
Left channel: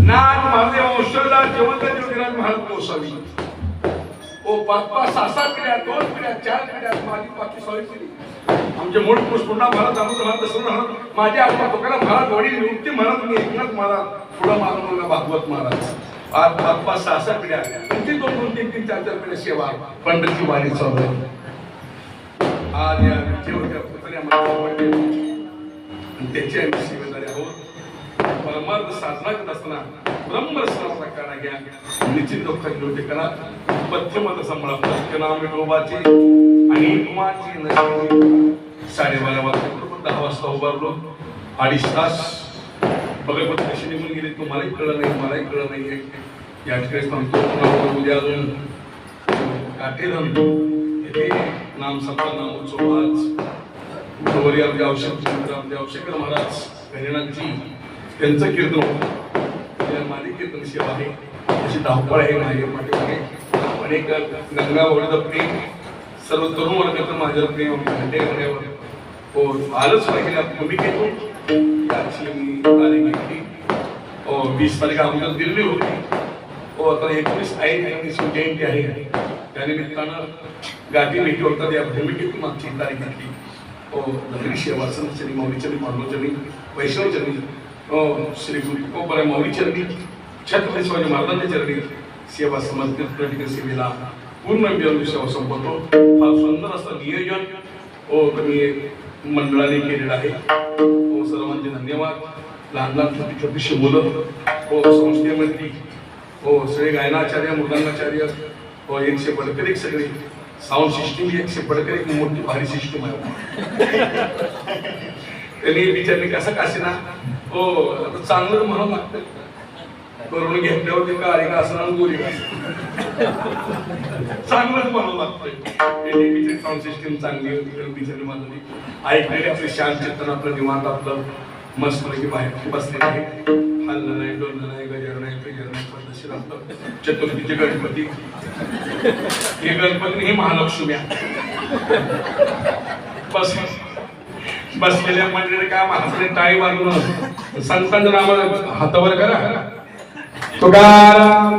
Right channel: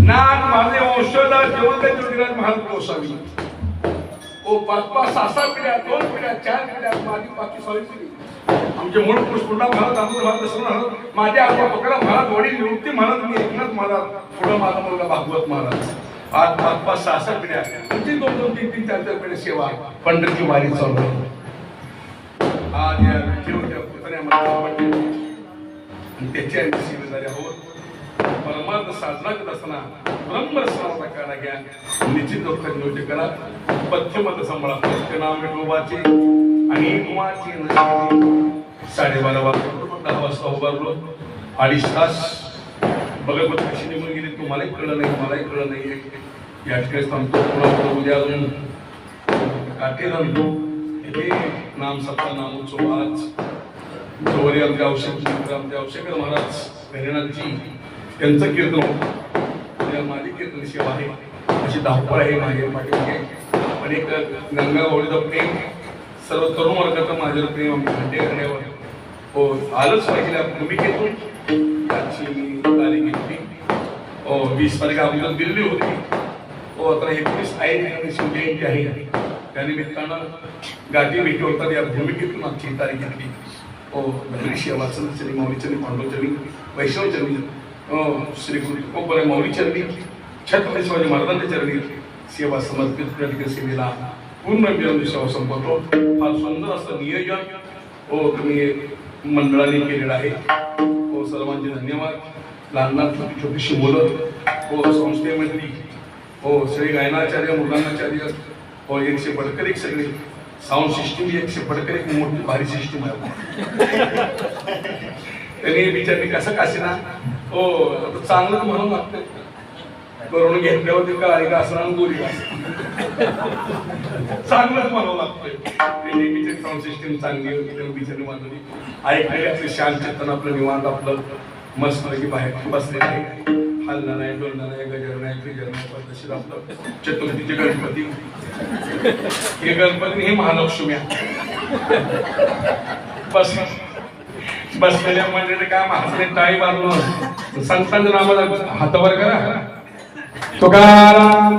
नाथ महादेव वंशोदा जिवंत ज्योतिराज महाराज गोसावी. ओ 5-6 पिढ्या, 2 पिढ्या, 4 पिढ्या, माझी बाकी 6 पिढी. आमचे मूळ पुष्पा महाराज, अमृत महाराज, दसरा महाराज, माझे आजोबा तुकाराम महाराज, वडील निवृत्ती महाराज, मी एकनाथ महाराज, पुढे माझा मुलगा भागवत महाराज. 5-6 पिढ्या, आणखी 2-2, 3-3, 4-4 पिढ्या सेवा पंढरीची वारी चालू आहे. आज या विठेवरच्या पुतळ्यामध्ये त्याची आम्ही सेवेदारी आहोत. परमार्थ साधना करत असताना ब्रह्मरसनाचा काढा घ्या, निश्चित दुःख निवृत्ती करा. पथ्यमत सांभाळा, नाम विठोबाचे आणि कुमारची 12:30 वाजता 10 वाजता उभारलो. 2.5 तास बघत कशी निघून गेली तुम्हालाही कळलं नाही, मलाही कळलं नाही. या ठिकाणी सांगतो उद्या अजून काटेधन येथे नाम सत्ता नामोत्सव. आज गौरी देवशेखर महाराज हरिनाथजी त्यांचं कीर्तन होतं, माझी कीर्तन सेवा आहे. अशी धावपळ आहे माझ्या पाठीमागे. अनेक गंगाबावडीचं प्रेम, सर्व तरुण वर्गाचं माझ्यावर प्रेम घंटे करण्यावर हो आलंच पाहिजे. भूमिकेतून मी तारीख घेतली. 20 तारीख अगोदर दिल्ली होती. आता 19 आहे, शिवजयंती आहे, त्यानिमित्तानं गाठी भेटी होतात. या भूमिकेतून मागची तारीख घेतली. दगडी शेवासनचरणी माऊलीचरणी पांडुचरणी वैष्णवचरणी श्री गुरुपरा माऊलीचरणी छत्रपती शिवाजी महाराजांच्या चरणी सेवा समर्पित प्रत्येक सेवेला पूर्ण सेवा संपवतो. फार सुंदर असं नियोजन तुम्ही मंडळाने केलेलं आहे. सर्वांचे धन्यवाद. लहान लहान छोटी छोटीशी मुलं संस्थेमधली श्री गायनाचार्य मृदांगाचार्य एकशे बडकर एक सगळे साऊंड सिस्टीम 100 बडकर एक मोठी भारी सिस्टीम आहे. त्यांनी बिचारी कसं काशीना चांगलं म्हणून लागतं करून घेतल्यावर ते काळी का असणार गोरी चांगलंच म्हणावं लागतं. साऊंड सिस्टीम चांगली होती बिचारी मानली ऐकलेली आपली शांत चेतन आपलं निवांत आपलं मस्त की बाहेर बसलेलं आहे. हलणं नाही डोलणं नाही गजर नाही फिजर नाही पद्धतशीर आपलं चतुर्थीचे गणपती हे गणपती हे महालक्ष्मी बसलेल्या मंडळी काय महाराष्ट्राने टाळी बांधून संतांचं नावाला हातावर करा. तुकाराम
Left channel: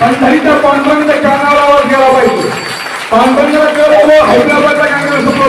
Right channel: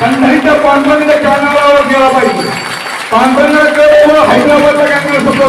पंढरीच्या पांडुरंगाच्या कानावर गेला पाहिजे. पांडुरंगाला हैदराबादच्या काँग्रेस होतो.